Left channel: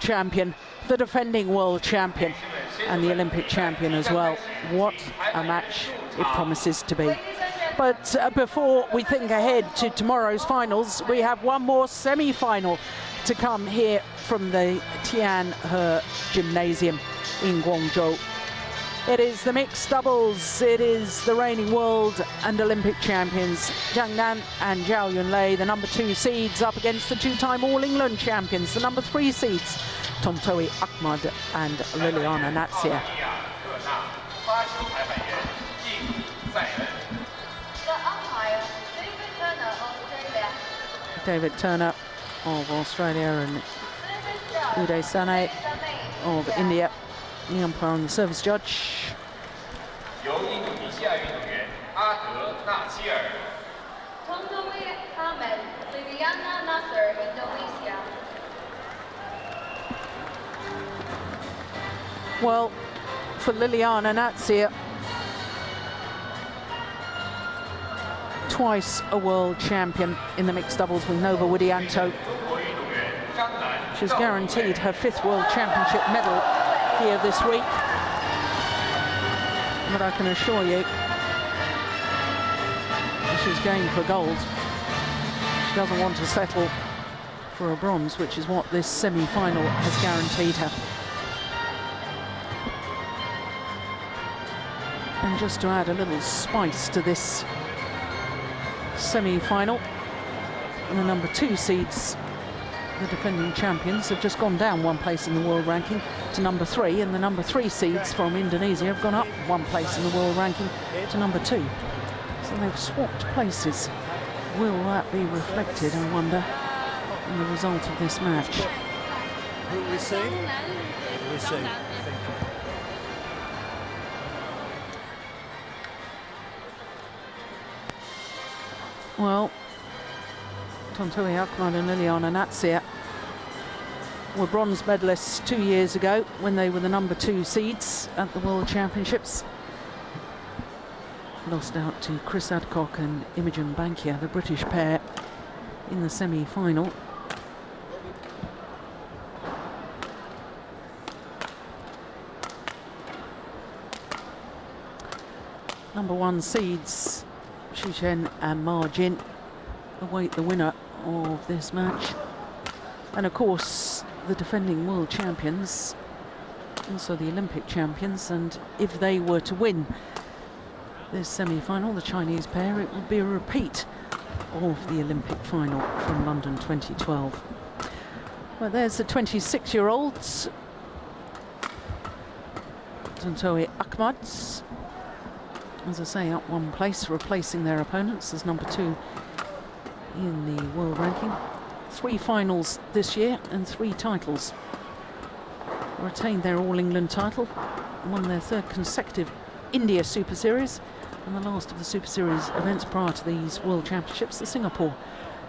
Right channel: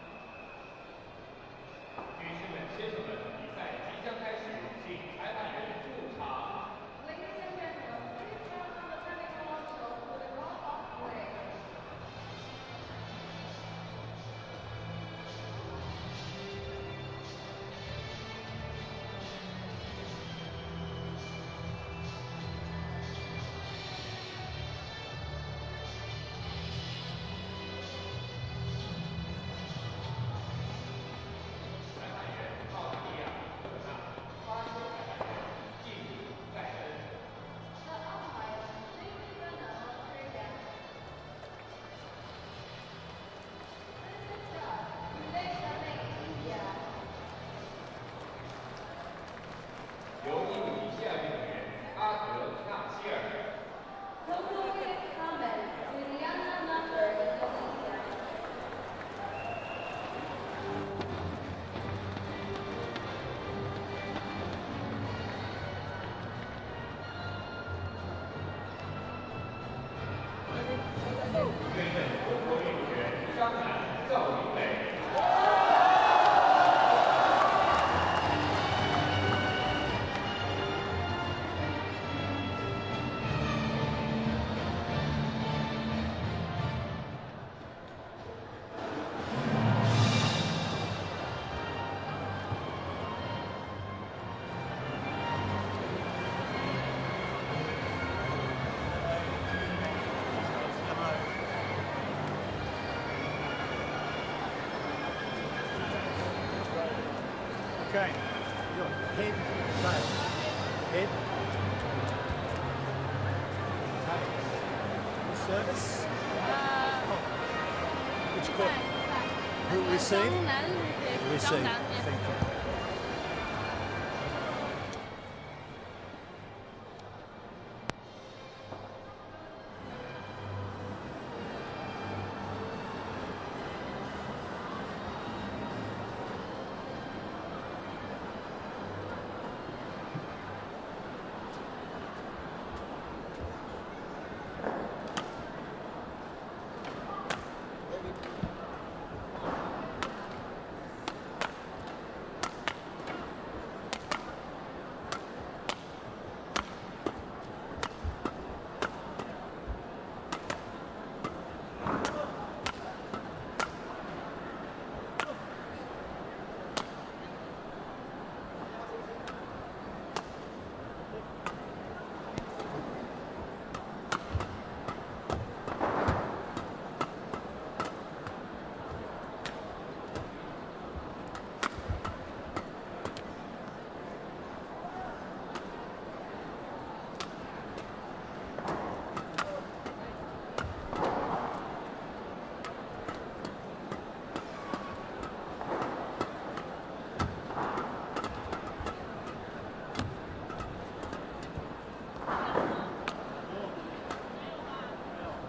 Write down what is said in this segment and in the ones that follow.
world champion, the defending world champion, and the Olympic champion as well. What a match it promises to be. But before we think ahead to tomorrow's finals, we have one more semi-final to come here from the Tianhe Gymnasium in Guangzhou. It is the mixed doubles. It is the reigning world and Olympic champions Zhang and Zhao Yunlei, the number 2 seeds, up against the 2-time All England champions, the number 3 seeds Tontowi Ahmad and Liliyana Natsir. David Turner of Australia and Uday Sane of India. The umpire and the service judge. Tontowi Ahmad, Liliyana, Indonesia. Well, for Liliyana Natsir, twice a world champion in the mixed doubles with Nova Widianto. She's guaranteed her 5th world championship medal here this week. But I can assure you, she's going for gold. She doesn't want to settle for a bronze, which is what this semi-final has guaranteed her. And just to add a little spice to this semi-final, and the number 2 seeds, the defending champions, have just gone down 1 place in the world ranking to number 3, and the number 3 seeds from Indonesia have gone up 1 place in the world ranking to number 2. So they've swapped places. Will that be reflected, I wonder, in the result of this match? Who receive? Receive. Thank you. Well, Tontowi Ahmad and Liliyana Natsir were bronze medalists 2 years ago when they were the number 2 seeds at the World Championships. Lost out to Chris Adcock and Imogen Bankia, the British pair, in the semi-final. Number 1 seeds Xu Chen and Ma Jin await the winner of this match. And of course, the defending world champions, also the Olympic champions, and if they were to win this semi-final, the Chinese pair, it would be a repeat of the Olympic final from London 2012. But there's the 26-year-olds, Tontowi Ahmad, as I say, up 1 place, replacing their opponents as number 2 in the world ranking. 3 finals this year and 3 titles. Retained their All England title, won their 3rd consecutive India Super Series, and the last of the Super Series events prior to these World Championships, the Singapore.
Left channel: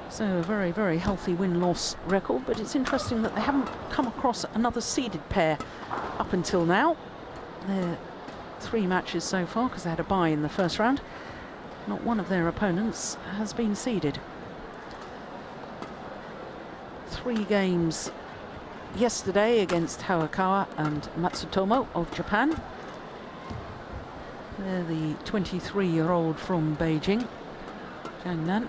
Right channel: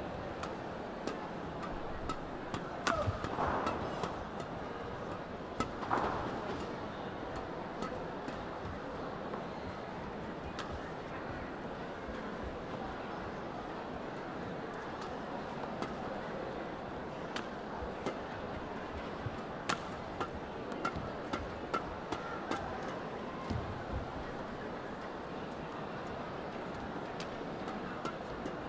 So a very, very healthy win-loss record, but it's interesting that they haven't come across another seeded pair up until now. 3 matches so far, because they had a bye in the first round. Not one of their opponents has been seeded. 3 games yesterday against Hayakawa and Matsutomo of Japan. They're the 23-year-old from Beijing, Zhang.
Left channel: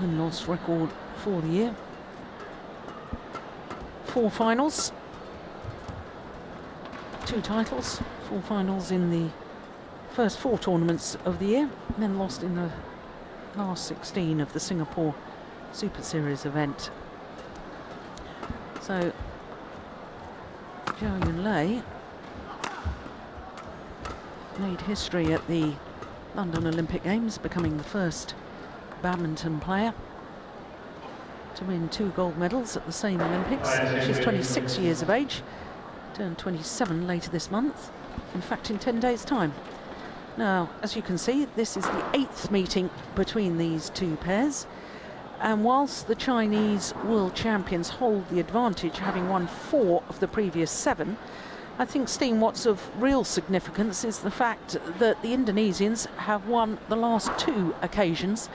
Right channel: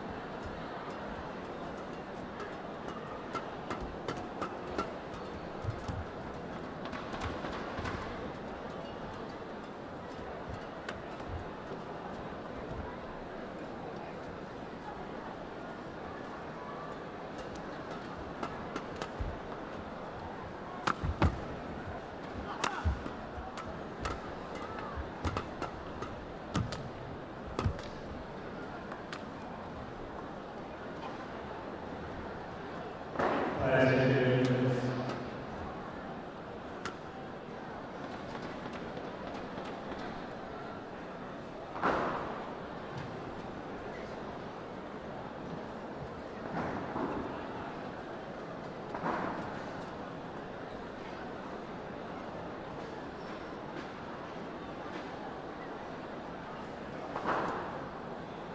Win-loss record for the year. 4 finals. 2 titles, 4 finals in the first 4 tournaments of the year, and then lost in the last 16 of the Singapore Super Series event. So, Zhao Yunlei made history at the London Olympic Games, becoming the first badminton player to win 2 gold medals at the same Olympics. She's 26 years of age. Turn 27 later this month, in fact in 10 days' time. Now, as you can see, this is the 8th meeting between these 2 pairs, and whilst the Chinese world champions hold the advantage, having won 4 of the previous 7, I think, Steen, what's of real significance is the fact that the Indonesians have won the last 2 occasions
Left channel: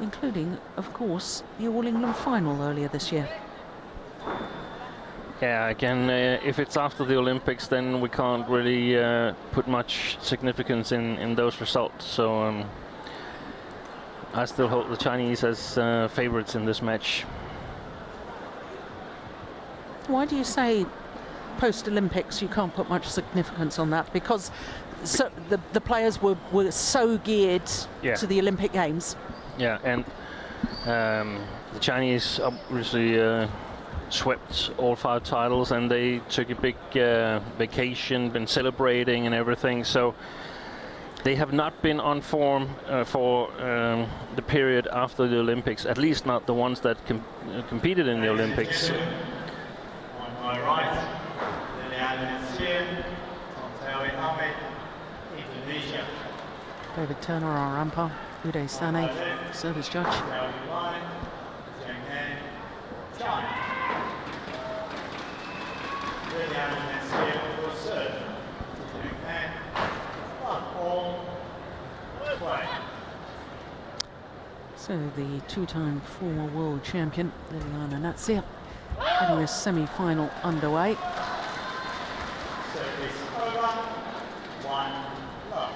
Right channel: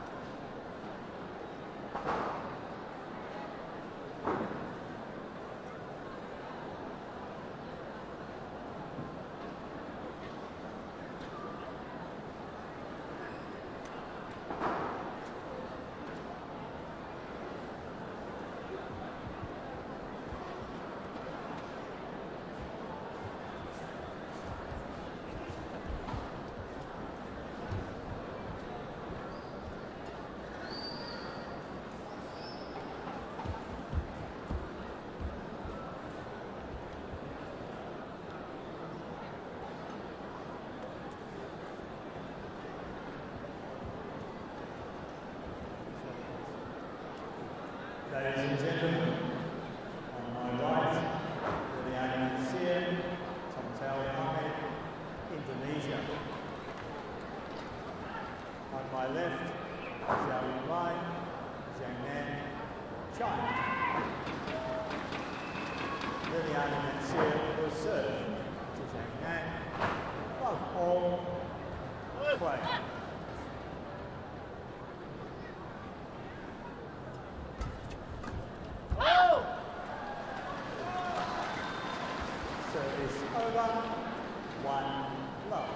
including, of course, the All England final earlier this year. Yeah, again, if it's after the Olympics, then we can't really put much significance in those results. So I still hold the Chinese as favorites in this match. Why do you say post-Olympics you can't put much significance on that? Because the players were so geared to the Olympic Games. Yeah, and the Chinese obviously swept all 5 titles, and they took a big vacation, been celebrating and everything. So they have not been on form for the period after the Olympics, at least not the ones that competed in the Olympics. On my right, L.Natsir, Tontowi, Indonesia. David Turner, our umpire. Uday Sane, service judge. Yunlei, Zhang, Liliyana will serve to Zhang. 1-all, play. So the 2-time 4 world champion, L.Natsir, in this semi-final underway. Service over, 1 love.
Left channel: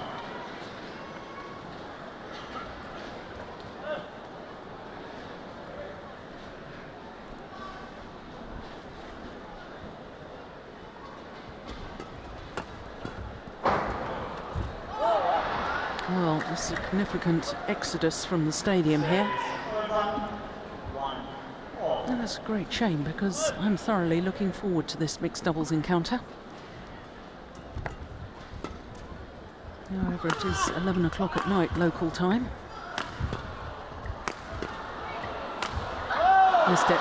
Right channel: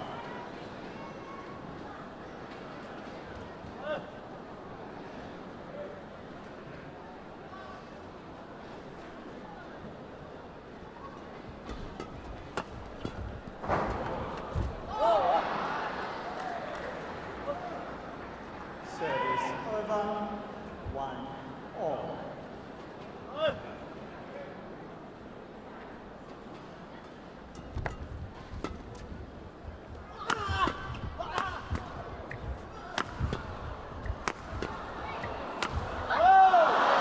Well, a significant exodus from the stadium here. And it's a great shame because I'm thoroughly looking forward to this mixed doubles encounter. However, it is 11 o'clock at night local time. Missed it.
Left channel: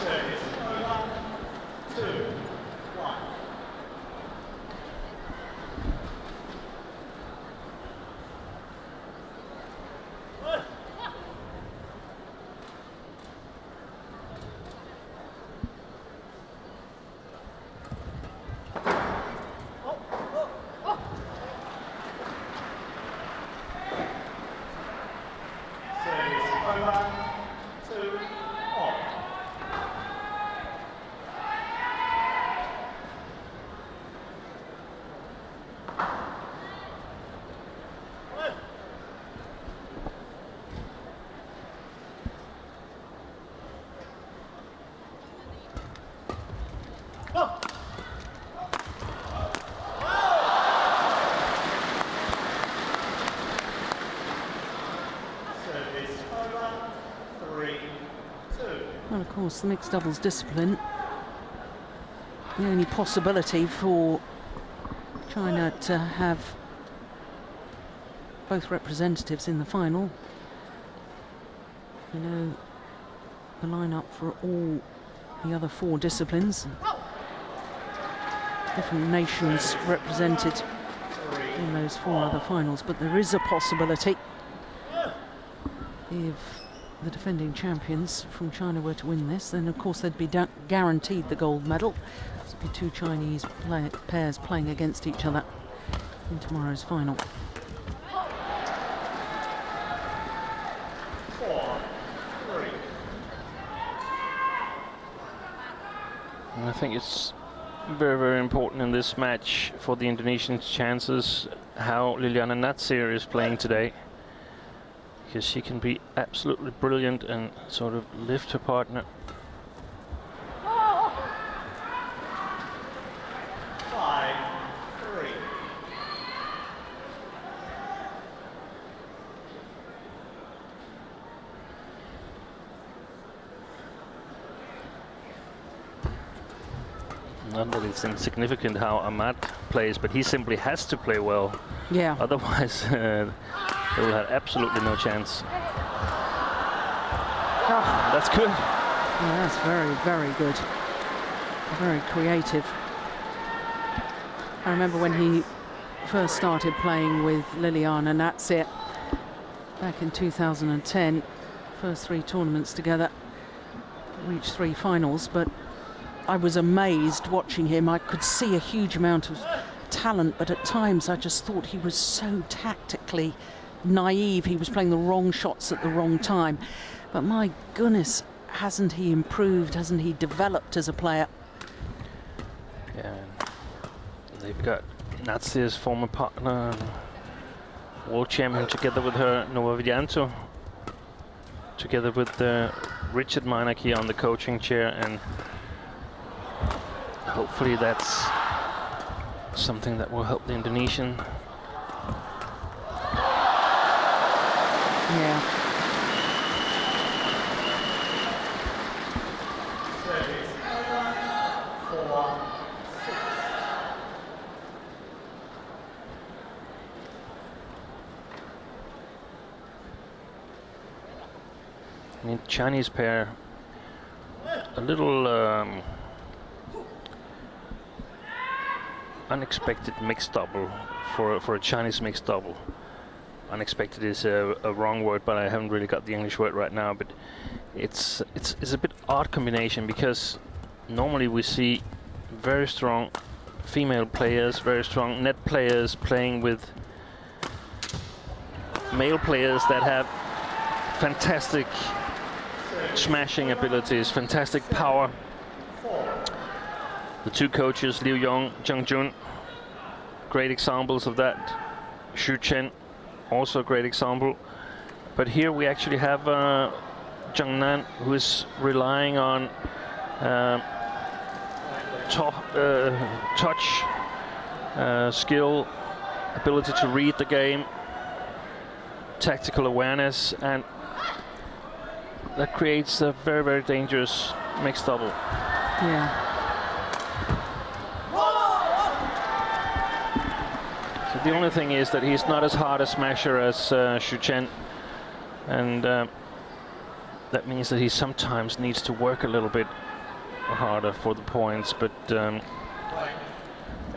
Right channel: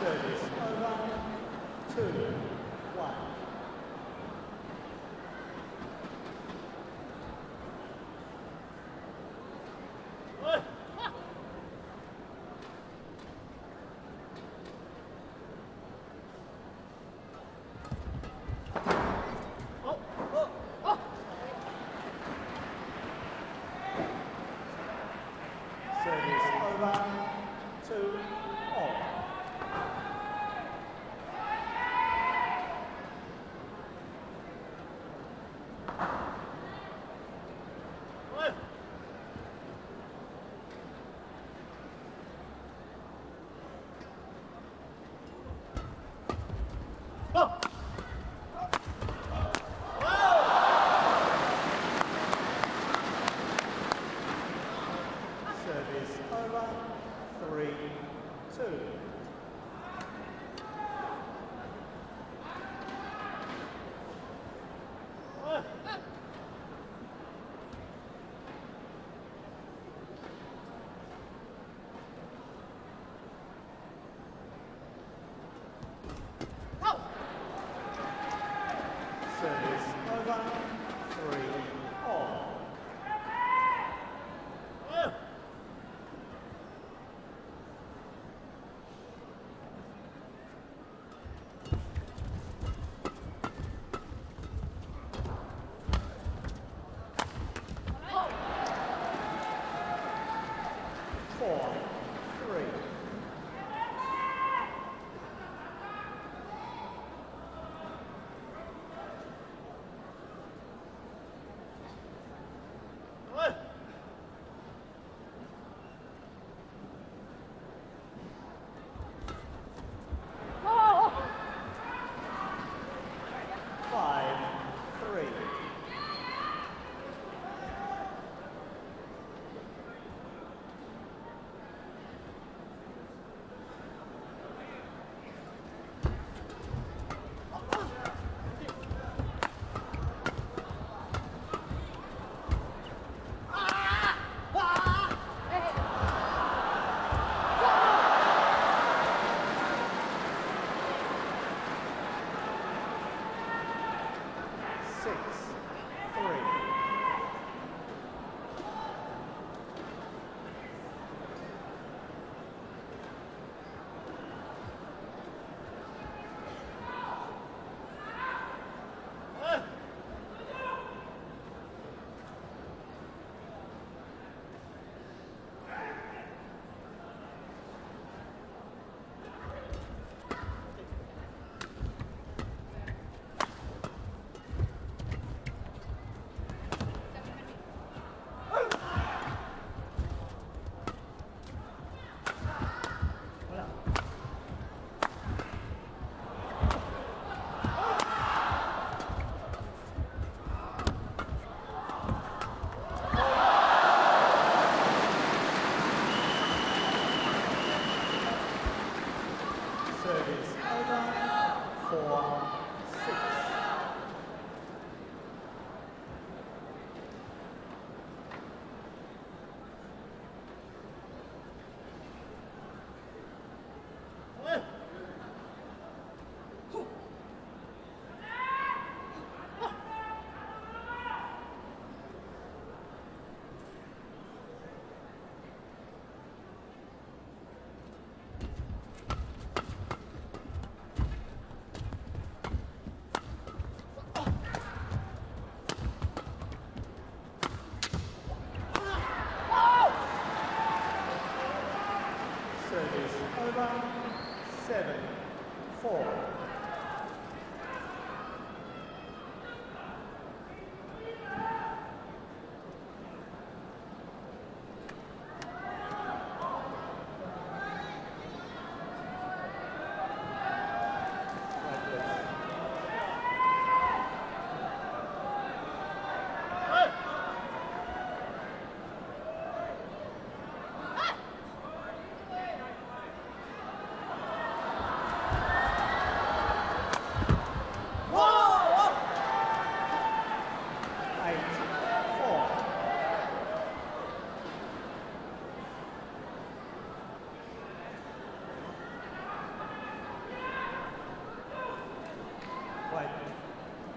Service over, 2-1. Service over, 2-all. Service over, 3-2. Well, of course, the mixed doubles discipline, the only possibility for China to have both representatives in the final. You know, the lineup for all the other 4 disciplines. Different nations represented in those 4 other finals, but there is a possibility if the defending champions from China were to win this, then of course they'd be guaranteed the gold medal. The 2 Chinese pairs playing against each other in tomorrow's final. 4-3. I think it's very, very important in this match for the Indonesian chances how L.Natsir is playing today, because she can be absolutely brilliant and sort of lift her partner. 5-3. Not that it's insignificant how Ahmad plays, but he simply has to play well. Yeah. Otherwise, they will have absolutely no chance. That's good. Yeah, that's very, very good. Very creative. I remember when he first started playing with Liliyana Natsir back in 2010. First 3 tournaments together, reached 3 finals, but I was amazed watching him. I could see a huge amount of talent, but at times I just thought he was so tactically naive. He was playing the wrong shots at the wrong time. But my goodness, hasn't he improved? Hasn't he developed as a player? Yeah. They've got Natsir's former partner, world champion, together with her, Novavianto, together with Richard Meineke on the coaching chair, and hopefully that's something that will help the Indonesian. Service over. 4-6. The Chinese pair, a little unexpected mixed double for a Chinese mixed double. Unexpected is a wrong word, but I haven't really got the English word right now. But it's a bit odd combination, because normally we see very strong female players, very strong net players playing with male players that have fantastic smashing abilities, fantastic power. The two coaches, Liu Yong, Zhang Jun, great examples of that. Xu Chen, also a great example. But here we actually have Zhang Nan, who is relying on touch, skill, ability to read the game, tactical awareness, and that creates a very, very dangerous mixed double. Yeah. So the only thing is that he's not as hard a smasher as Xu Chen, and that means that he sometimes needs to work a little bit harder for the points, but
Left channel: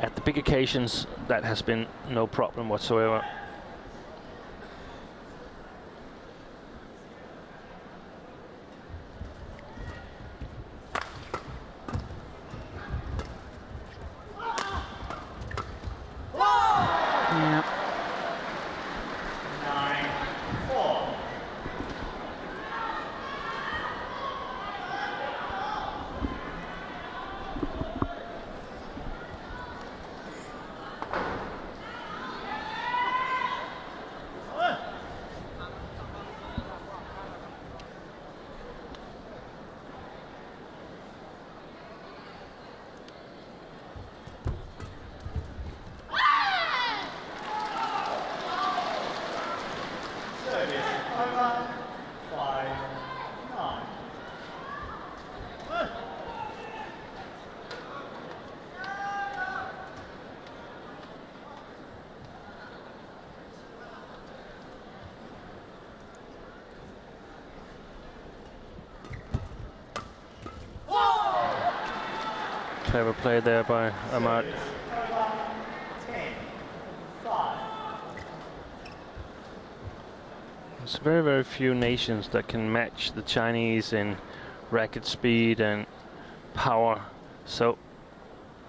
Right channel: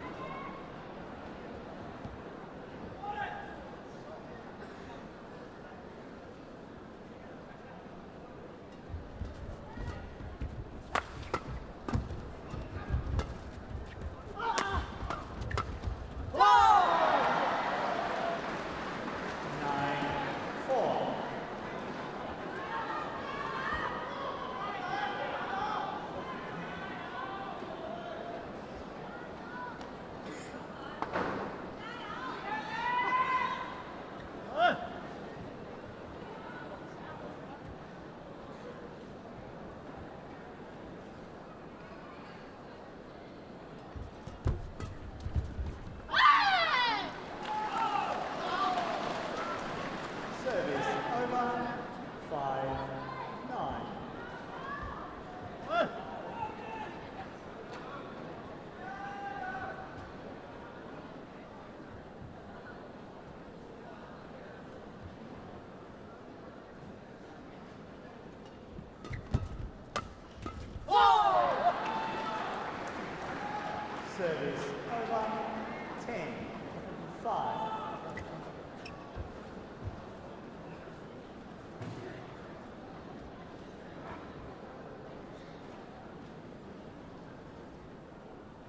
at the big occasions that has been no problem whatsoever. Clever play there by Ahmad. 10-5. There's very, very few nations that can match the Chinese in racket speed and power. So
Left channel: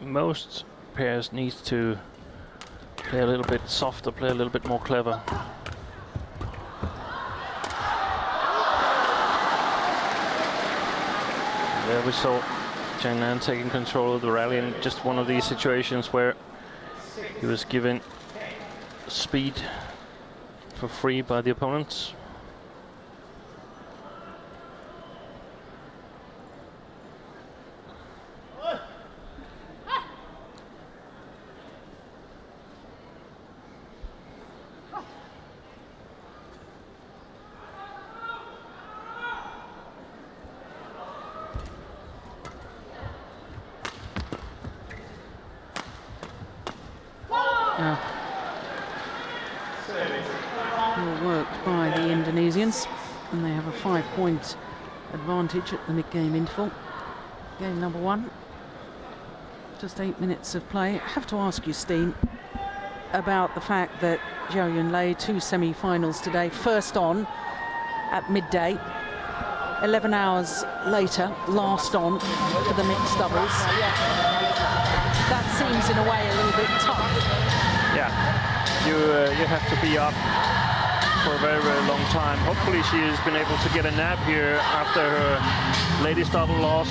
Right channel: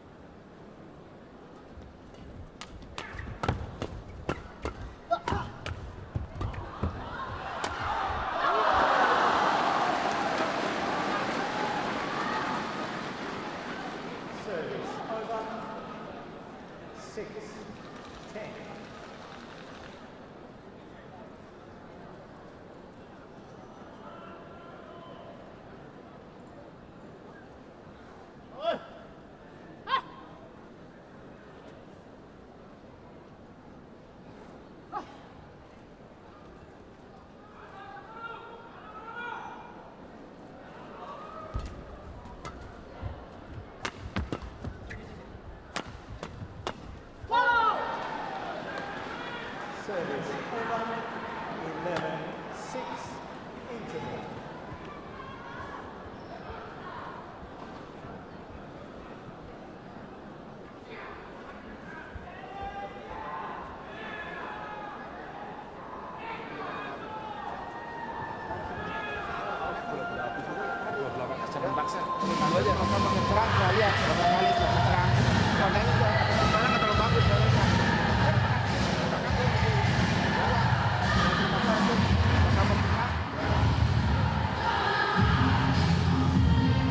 most pairs need to play a little bit softer, play a little bit more clever. There we saw Zhang Nan taking control of the rally in just one of these situations where he was given speed for free by the opponents. And they have a 5-point advantage at the mid-game interval. Game number 1. Just 8 minutes of play. I have to ask you, Steen, about the fact that Zhao Yunlei, 2 semi-finals today, first on at midday, 11 hours later, last on for the mixed doubles. That sends it away a little bit. have to be up for a very, very long time. Hopefully she has been able to get a nap here after her ladies double loss.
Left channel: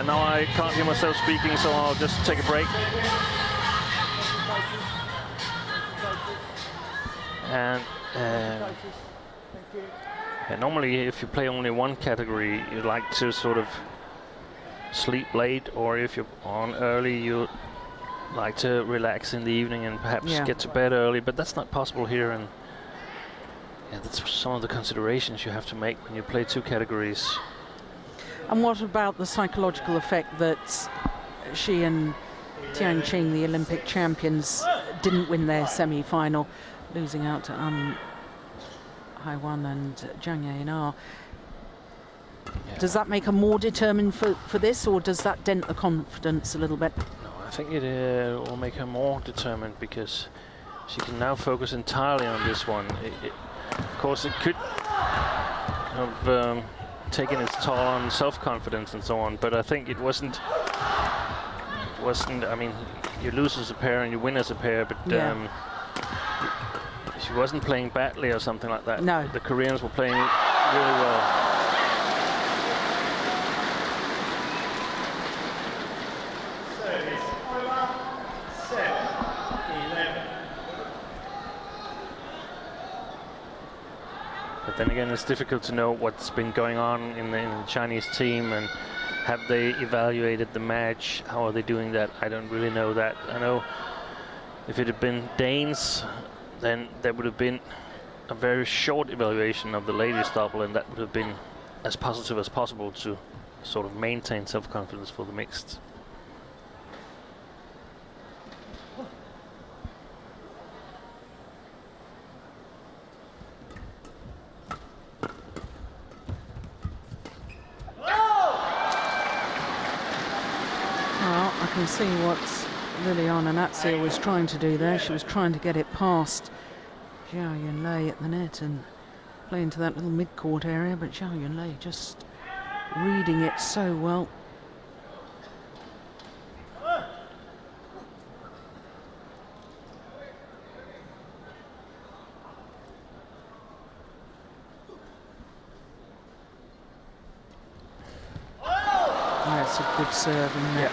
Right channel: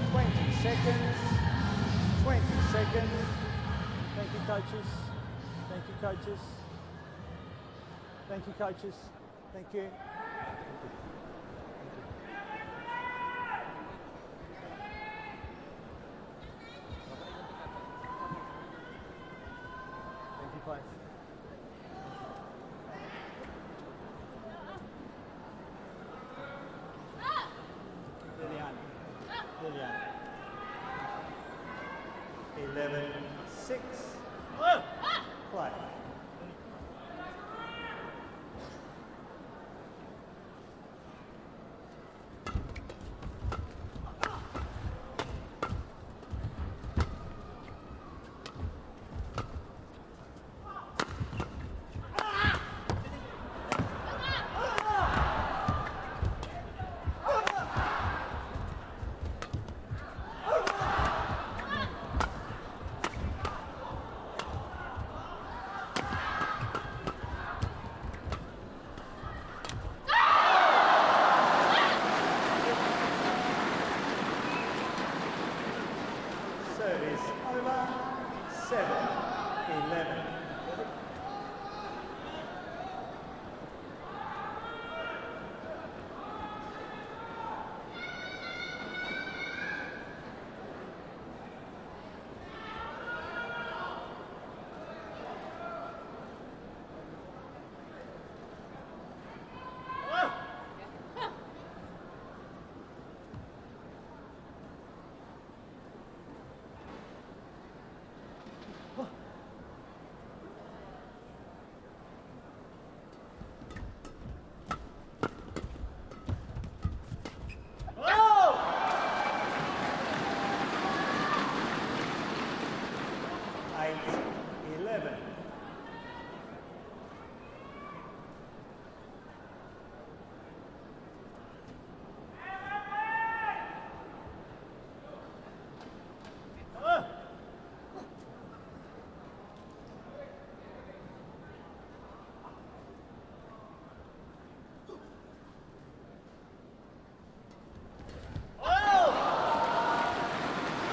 And now I can't hear myself speaking, so I'll just take a break. Thank you, coaches. Thank you, coaches. And Thank you, coaches. Thank you. and normally, if you play only one category, you'd like to sort of sleep late, or if you're on early, you like to relax in the evening and perhaps get to bed early. But that's not possible here, and that's some of the considerations you have to make when you play two categories. And what about the psychological effect that she and Tianqing, the Olympic champions, didn't win their semi-final, losing out to Haiwan and Zhang. Does that make her more determined for this, or does that dent the confidence a little bit? No, I think it will make her more determined, because she can now focus entirely on this one. Of course, it could have taken its toll on self-confidence and so on, but I think it wasn't. I mean, you lose as a pair and you win as a pair, but she wasn't playing badly or something like that. No. The Koreans were playing really well. Service over. 7-11. But then again, it's difficult to know what's been going on in the Chinese team, and have they evaluated the match? How are they doing that? I don't really know that. I know if it had been Danes, then there would have been a very short evaluation of the ladies double, and that would have been as positive as possible to sort of maintain self-confidence for the mixed. See what L.Natsir was trying to do there. She was trying to get it past Zhao Yunlei at the net and play into that little mid-court area, but Zhao Yunlei just reading it so well. That's a good serve, isn't it?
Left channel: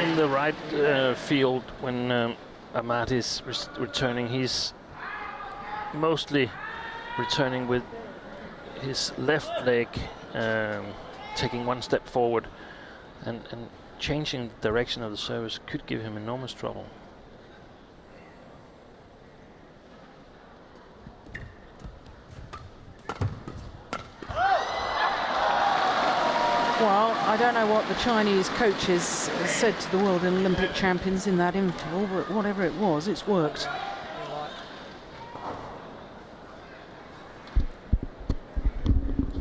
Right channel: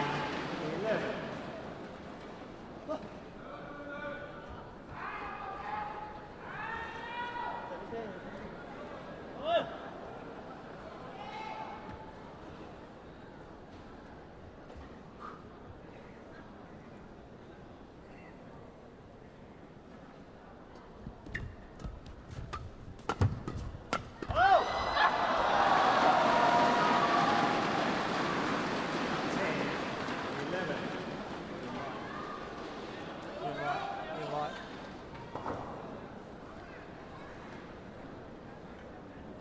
In the right field, when Ahmad is returning, he's mostly returning with his left leg, taking one step forward, and changing the direction of the service could give him enormous trouble. Chinese coaches said to the world and Olympic champions in that interval, but whatever it was, it's worked.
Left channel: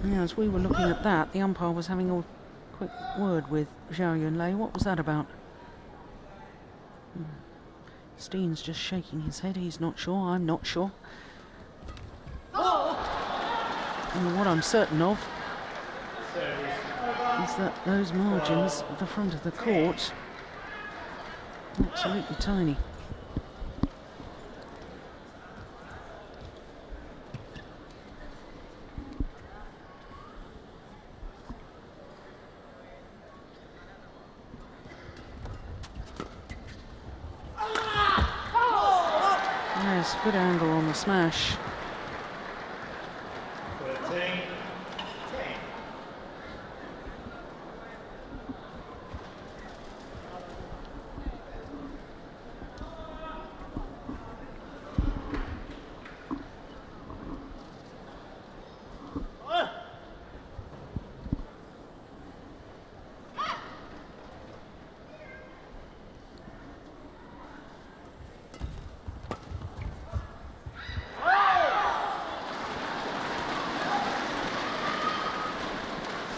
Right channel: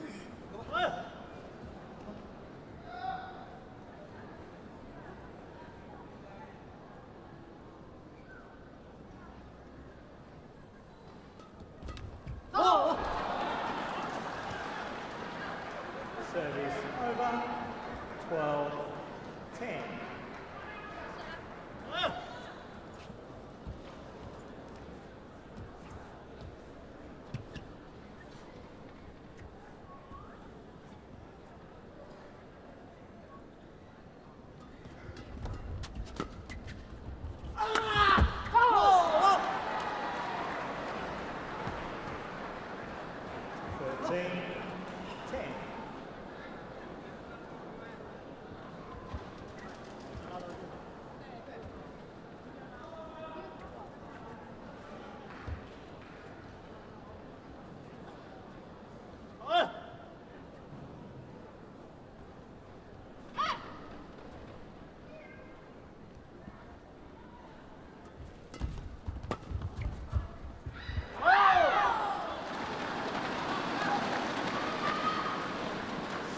Yeah, as we were looking at that, the umpire was having a quick word with Zhao Yunlei. What was that about? Steen's just shaking his head. He's not sure. I'm not sure. And what I'm certain of is that those margins at the front of the court are absolutely tiny. Nice, good angle on the smash. 13-10.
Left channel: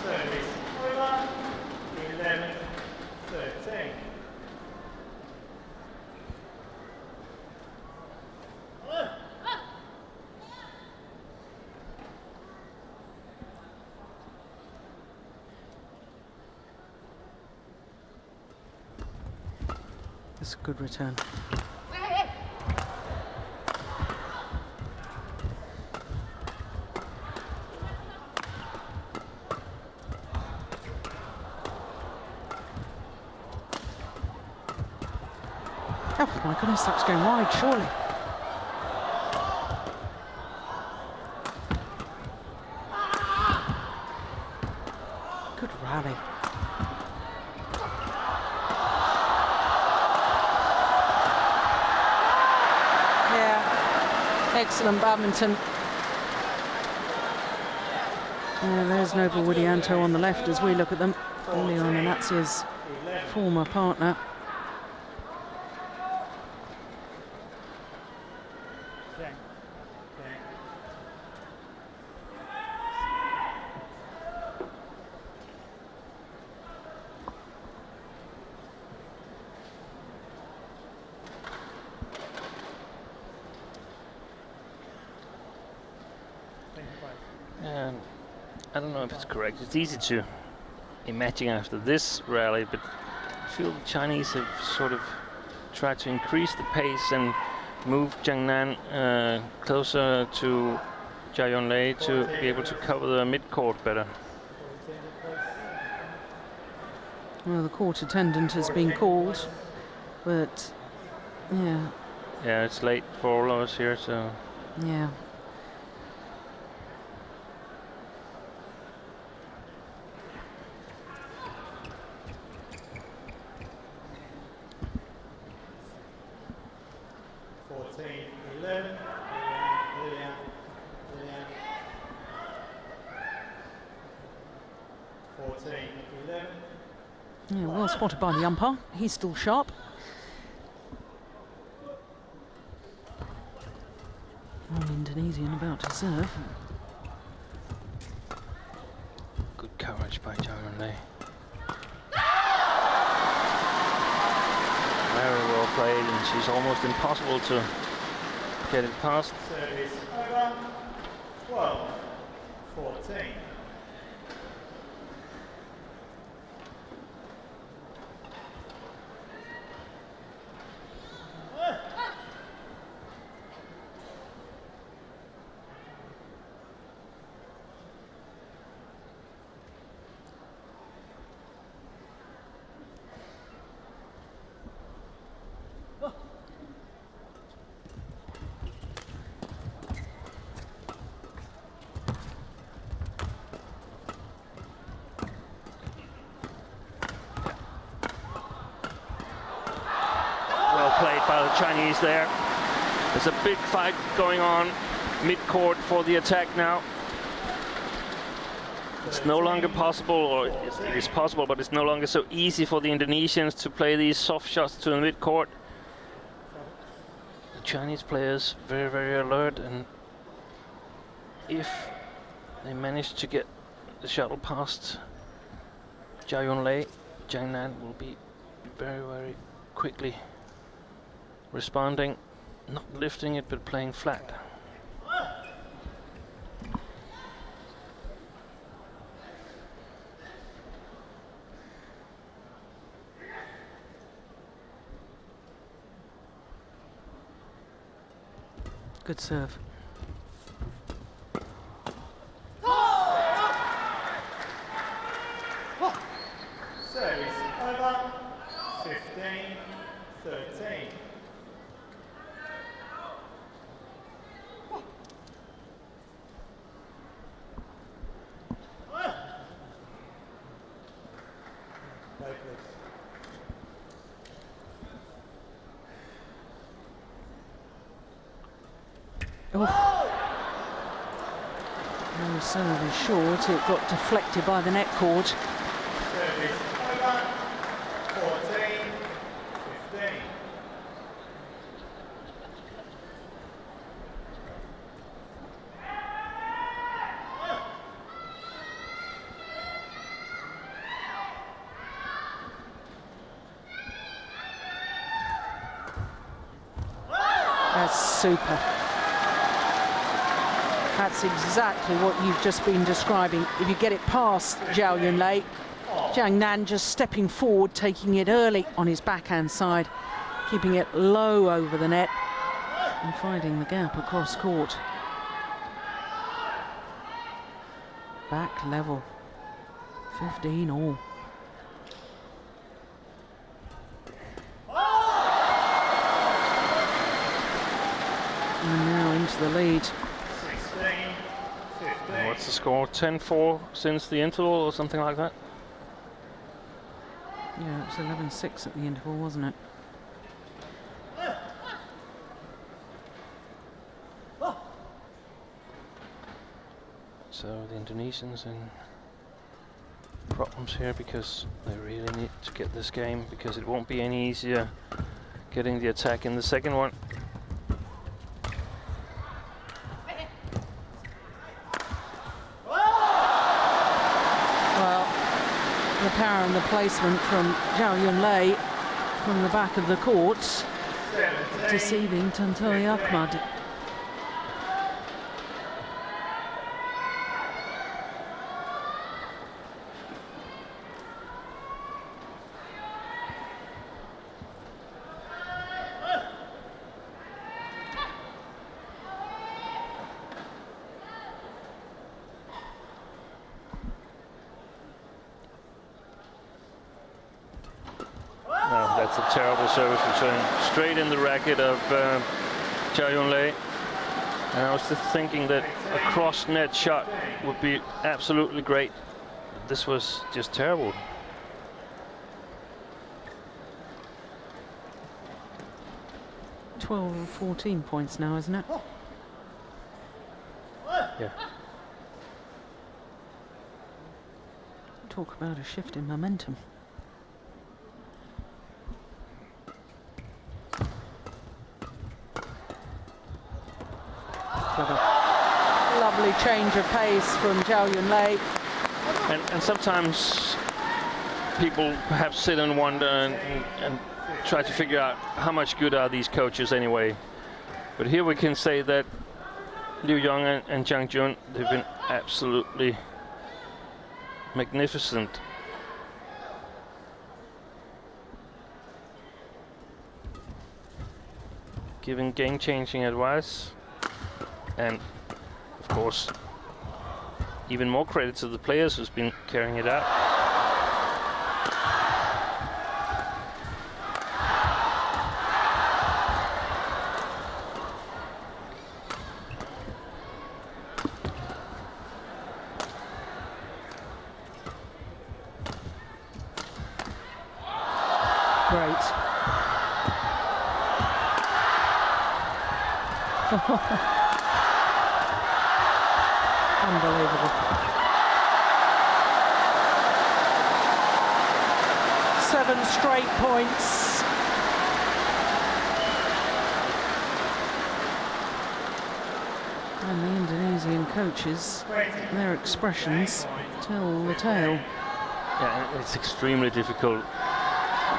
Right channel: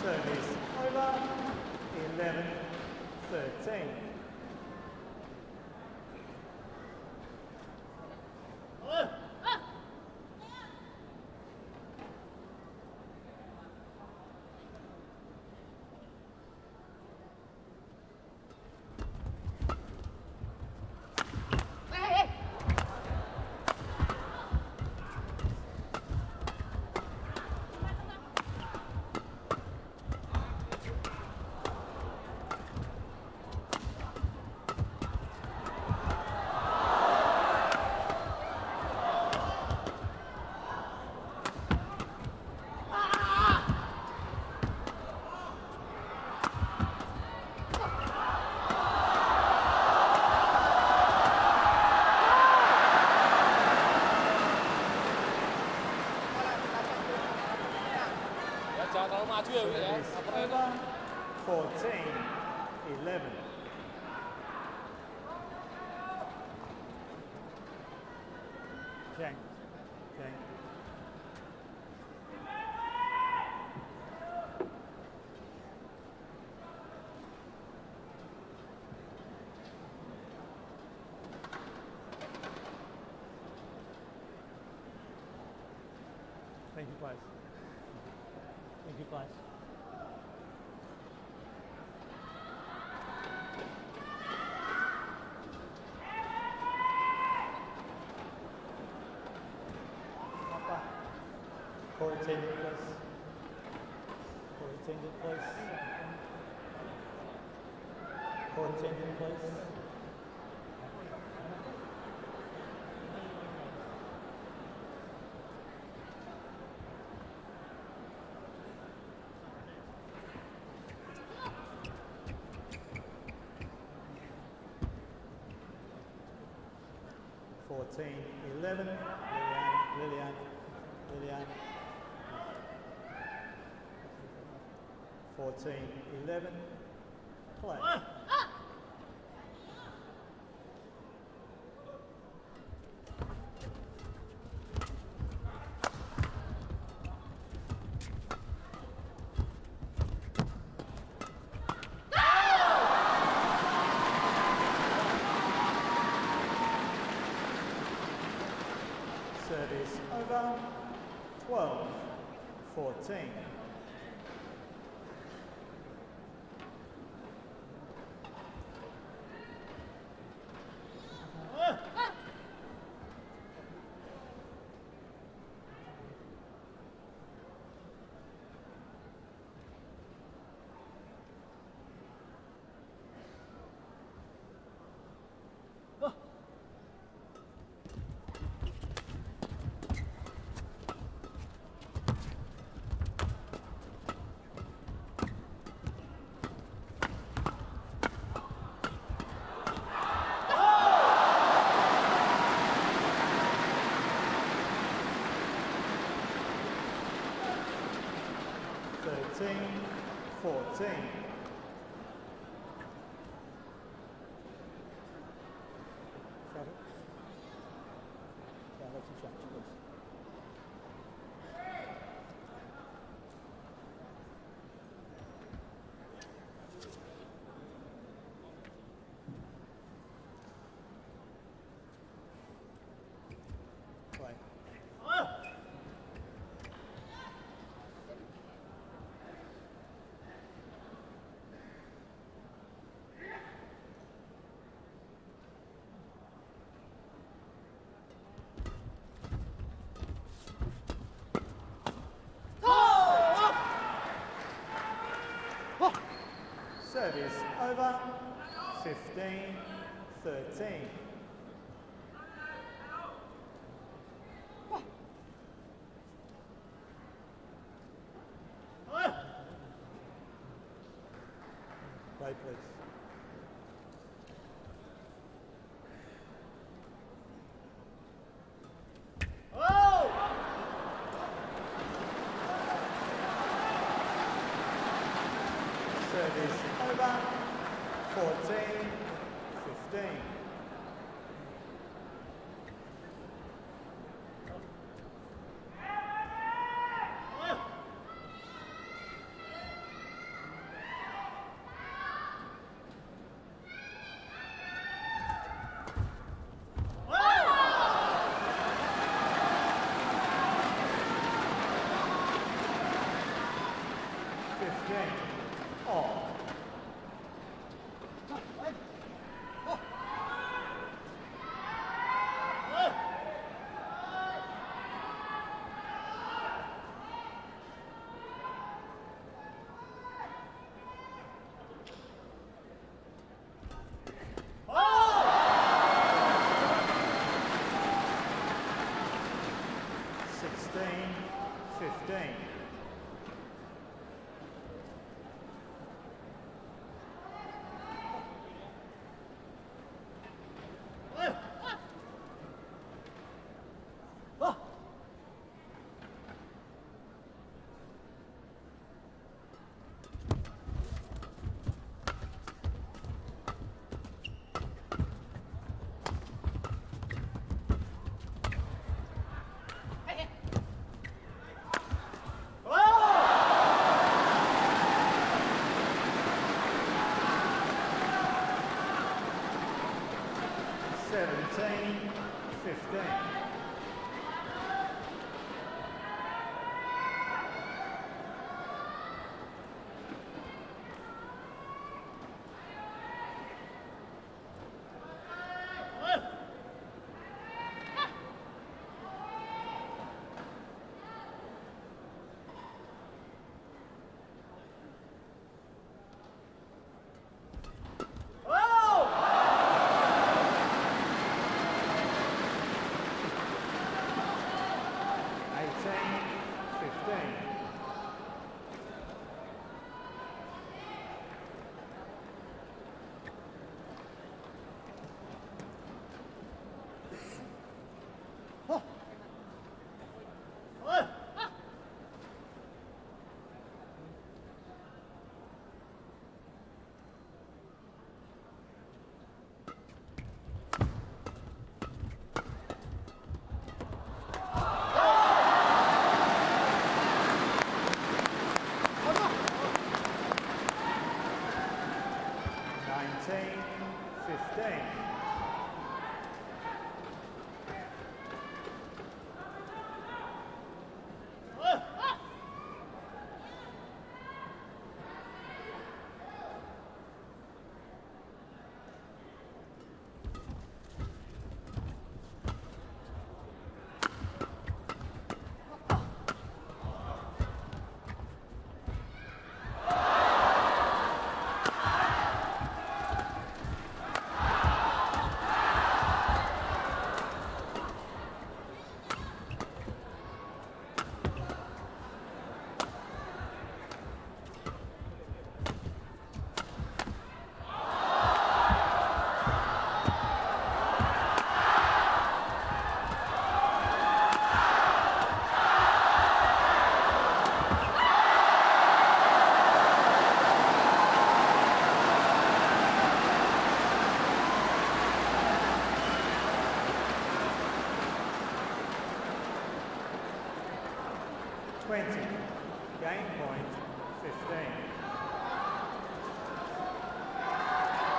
Service over. 11-13. That's a good return. goodness, that's going wide, surely. Good rally. Yeah. Excellent badminton. Yeah, there's Noble Widianto on the left as we look at them. L.Natsir's former partner. Zhang. Thank you, guys. I don't know if it's correct. It's easy to imagine after this rally, but I feel the Chinese have sort of tried to increase the pace and move Zhang closer to Yunlei to be able to cover the mid-court better. Well, the court attendant has been called, but yeah. Yeah, it's late for all of us here, so. Yeah. Yeah, well spotted by the umpire. He's still sharp. Indonesian about to serve. Good coverage by Zhao. Very well played, and she's almost impossible to get it past. Service over. 12-14. There's a big fight going on mid-court for the attack now. It's no longer possible, or it is possible, but it's no longer so easy for the Indonesians to play these soft shots to the mid-court. The Chinese players very, very alert, and if they manage to get the shuttle past Yunlei, Zhang will be very, very quickly responding, not lifting it but playing flat. Good serve. Service over. 15-13. Play, please. So short, it got deflected by the net cord. Service over. 14-15. That's super. That's exactly what you've just been describing. If you get it past Zhao Yunlei, Zhang Nan just stepping forward, taking it early on his backhand side, keeping it low over the net and finding the gap across court. Back level, 15 all. the lead. 16-15. What's the score? 10-4 since the interval or something like that? Yeah, it was 11-6 at the interval, wasn't it? So the Indonesians in problems here because they really need to get this game, because it won't be any easier getting the attack in the second one. The power and the placement from Yunlei from the back of the court, deceiving T.Ahmad. Thinking that a cross-net shot would be absolutely great. This was just terrible. Well, 14 points now, isn't it? Yeah. Talk about a shift in momentum. Change of pace from Yunlei. And sometimes people perhaps sit and wonder and try to figure out how much good are these coaches anyway. But here we can say that Liu Yong and Zhang, they've been absolutely magnificent. Giving game-changing advice, and of course, even more credit to the players who's been carrying it out. Their expressions tell the tale. Yeah, it's extremely difficult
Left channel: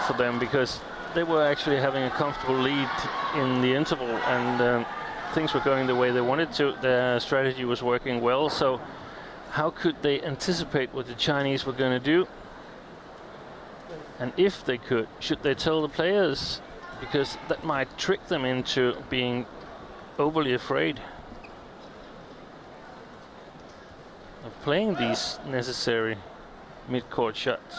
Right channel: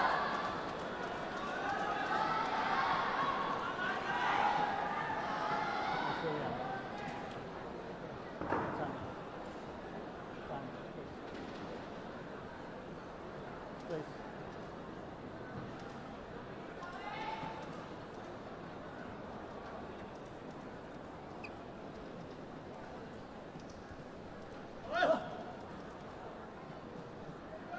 for them because they were actually having a comfortable lead in the interval, and things were going the way they wanted to. Their strategy was working well, so how could they anticipate what the Chinese were going to do? And if they could, should they tell the players? Because that might trick them into being overly afraid playing these necessary mid-court shots.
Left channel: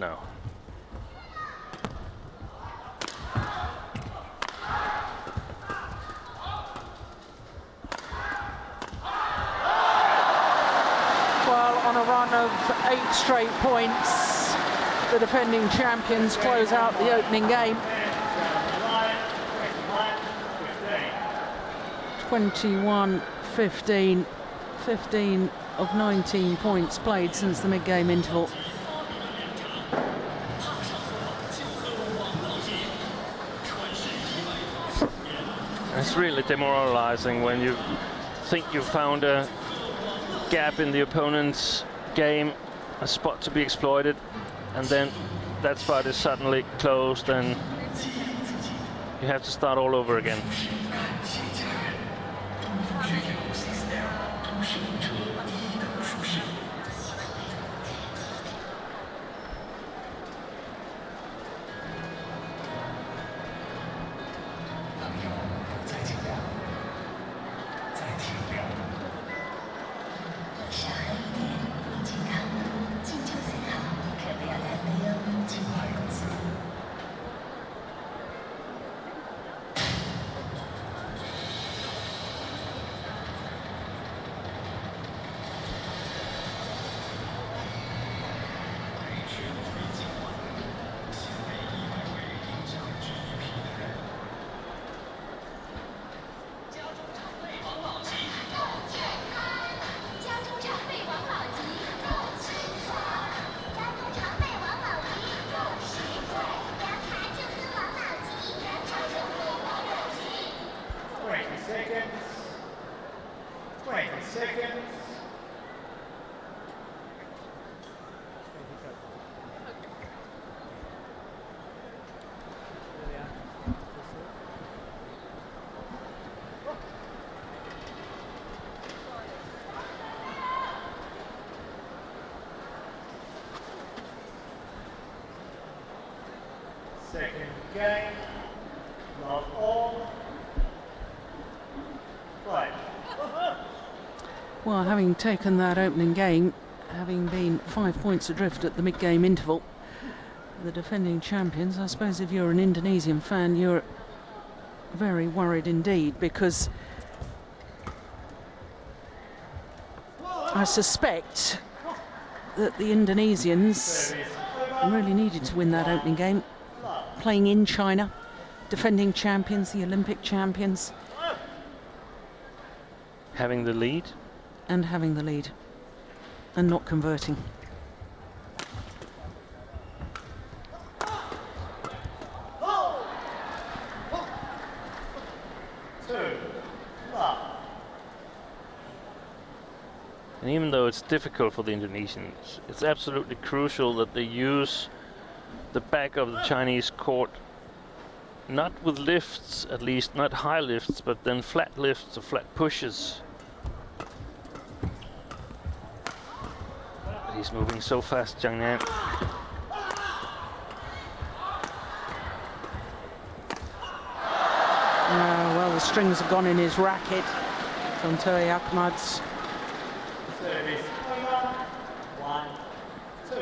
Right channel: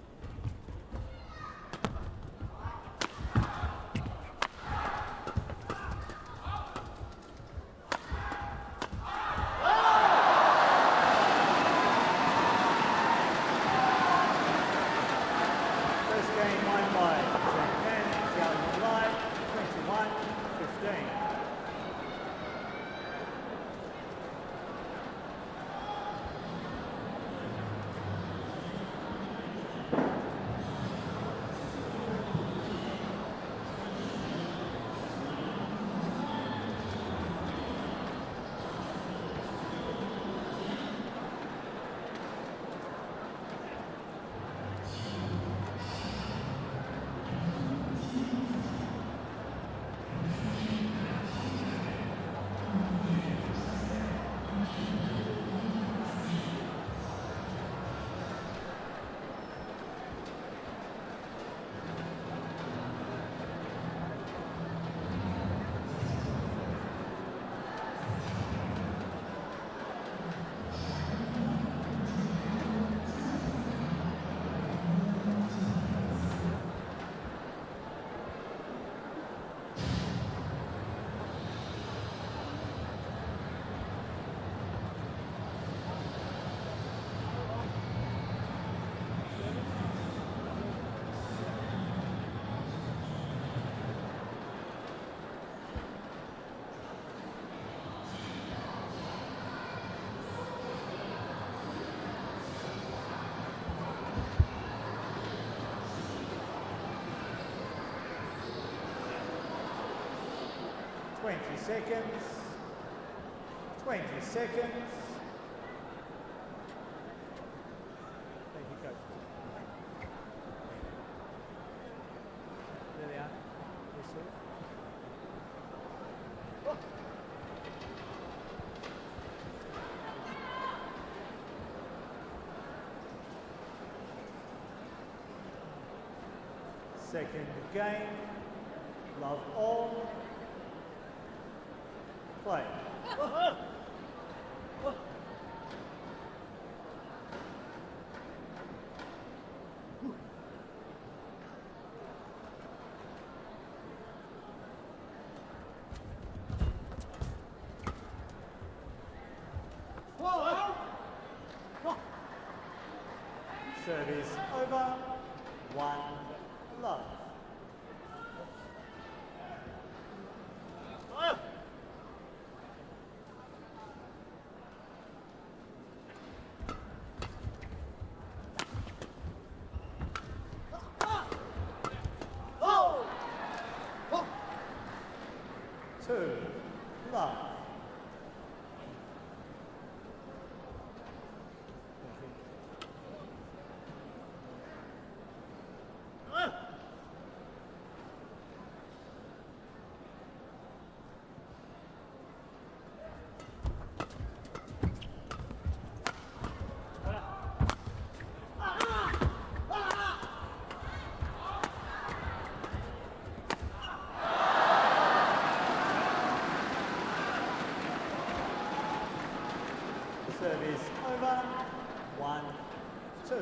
No. Well, on a run of 8 straight points, the defending champions close out the opening game. 21-15, 15 of 19 points played since the mid-game interval. It's really demoralizing when you think you found a gap in the opponent's game, a spot to be exploited, and then that spot is suddenly closed and you have to start all over again. 20 seconds. 20 seconds. Thank you, coach. Liliyana. Second game, love all, play. Well, having taken that opening game, having been 5 points adrift at the mid-game interval, the defending champions, I suppose if you're an Indonesian fan, you're very worried indeed, because I suspect that the Indonesians really needed to win that opening game, playing in China, defending champions, the Olympic champions. Having the lead. And having the lead, and not converting. And even though it's difficult for the Indonesians, it's absolutely crucial that they use the back of the Chinese court, not with lifts, at least not high lifts, but then flat lifts or flat pushes. He's moving so fast, Zhang. Well, the strings have gone in his racket. T.Ahmad's. Service over. 1, 2.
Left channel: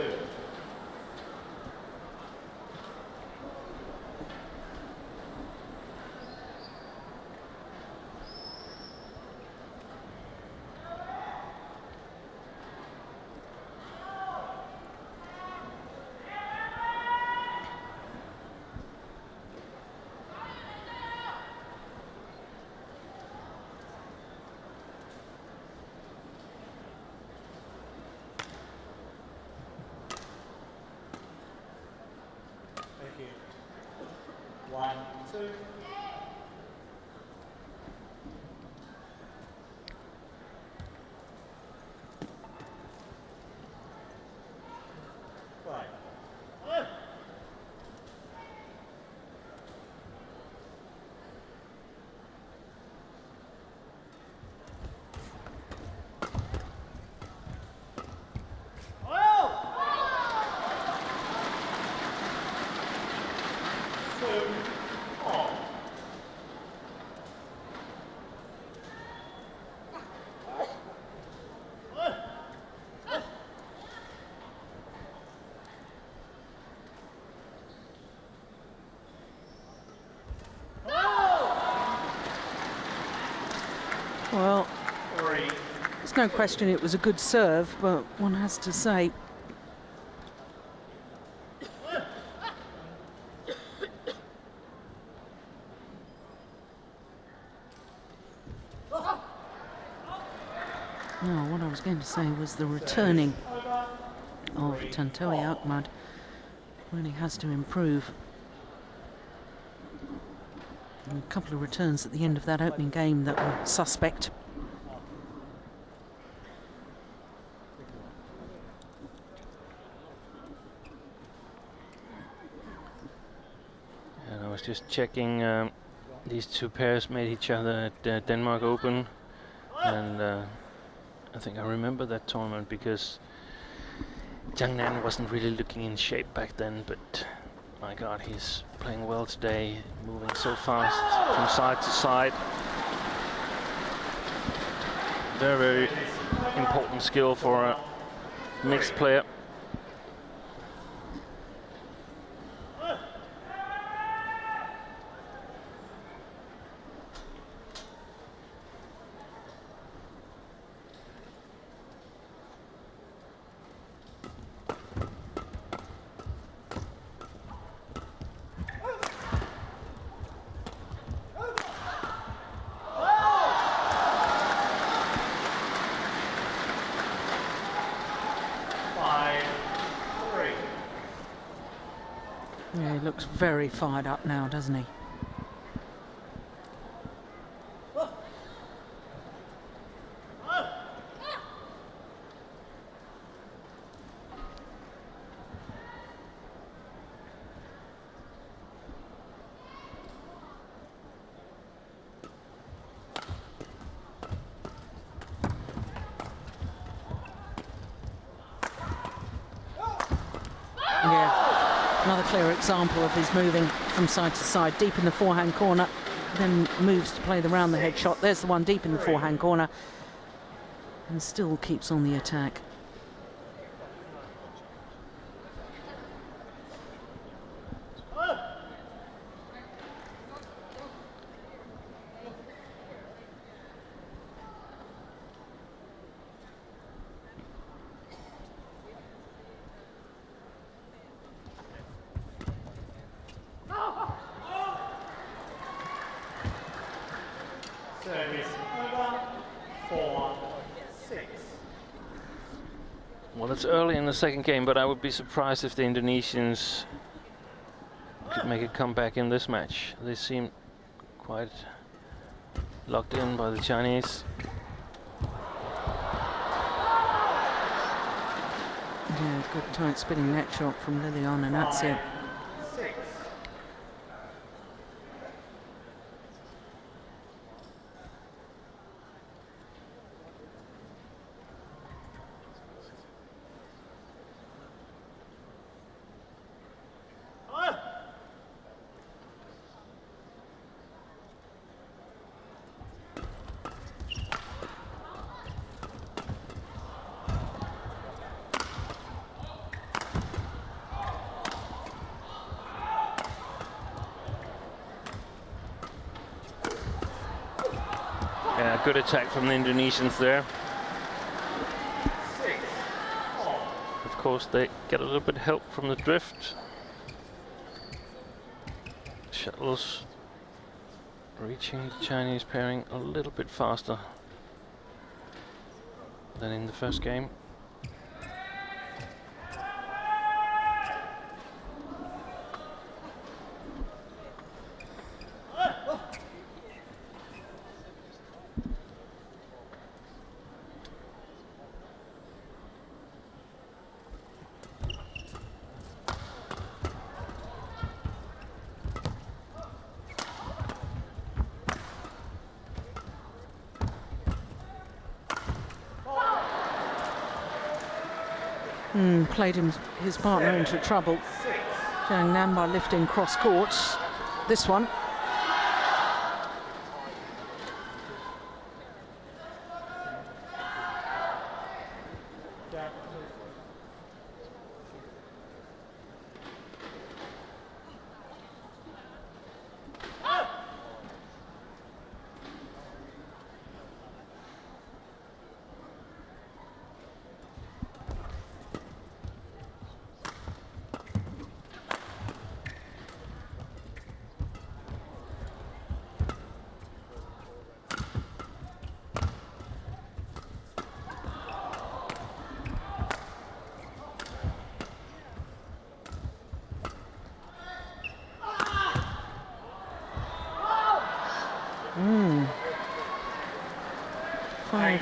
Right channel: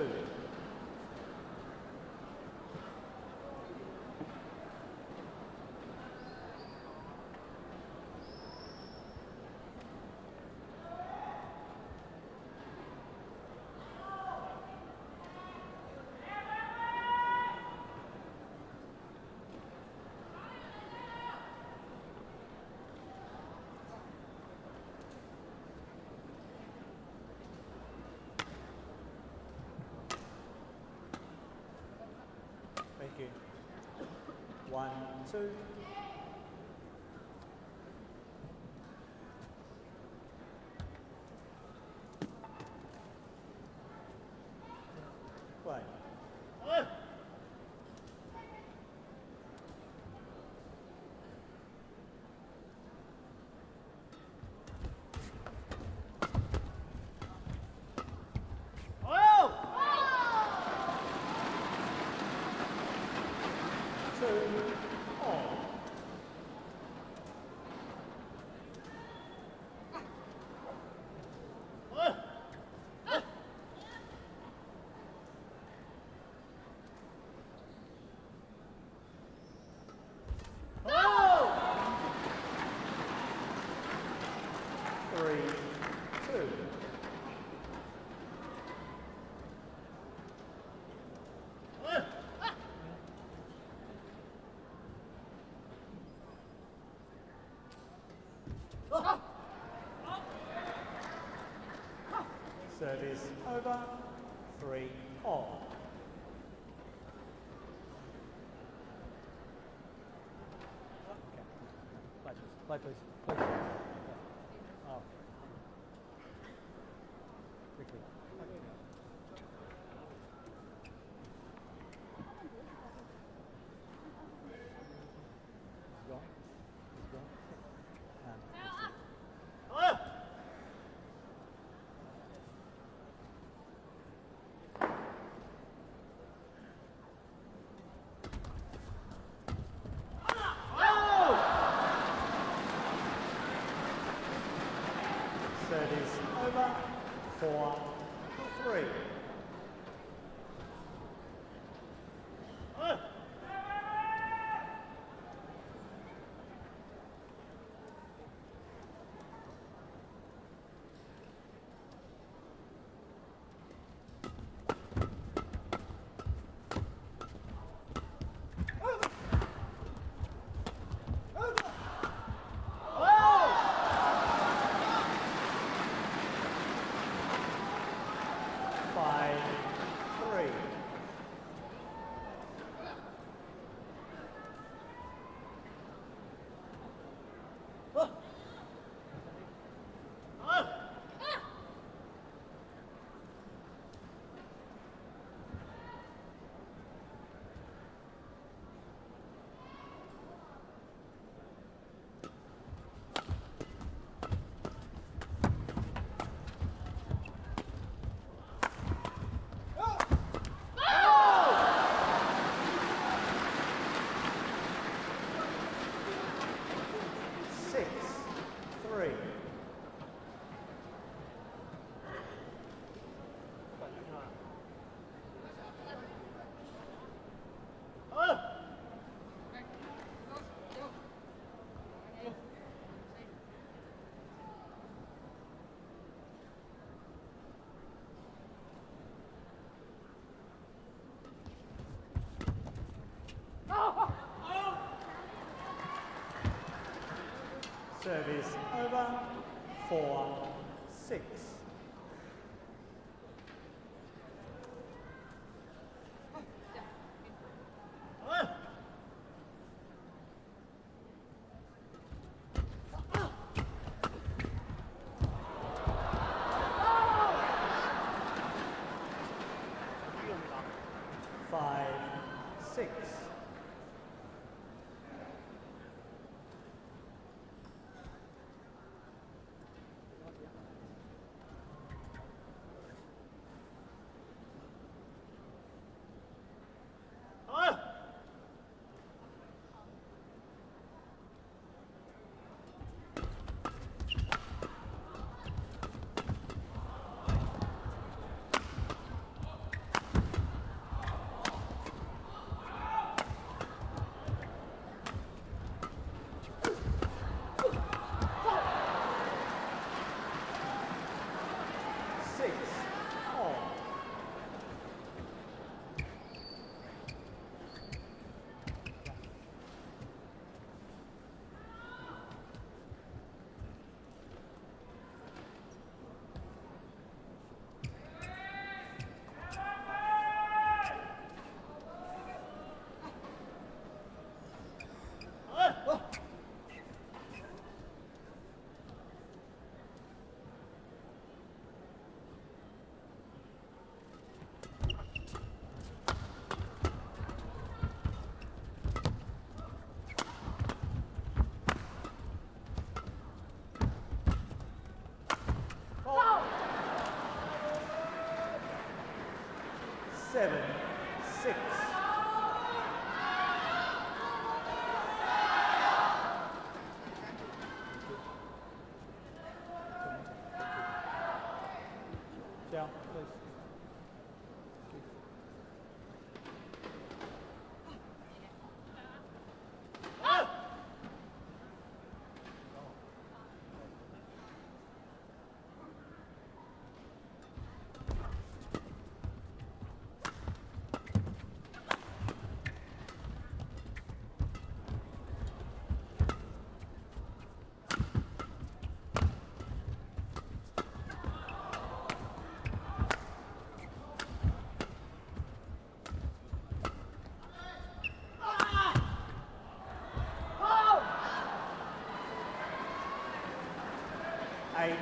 Thank you. 1, 2. Play. Well, there's no question it was a good serve, but one has to say what I was going to say was the returning of Tontowi really has to improve. And a couple of returns at the end of that opening game that were suspect. And I was just checking, these two pairs made each other at Denmark Open, and I think I remember that tournament because Zhang wasn't really looking in shape back then, but my God, he's playing well today, moving so fast from side to side. Very, very important skill for a mixed player. He looks very fired up now, doesn't he? another example of his moving from side to side, deep in the forehand corner, then moves to play the round the head shot. There's the one deep in the forehand corner, and still keeps on the attack. Service over, 4-6. Well, it's early in the second game, but I would be surprised if the Indonesians could make a comeback in this match. They seem quite locked in by the Chinese. Yeah, good tight spinning net shot from Liliyana, and that's it. 6. Good attack from the Indonesians there. 6. Of course, they get a little bit help from the drift. Shuttles reaching the Chinese pairing a little bit faster than in the first game. Played his partner into trouble. Zhang Nambar lifting cross court. This one.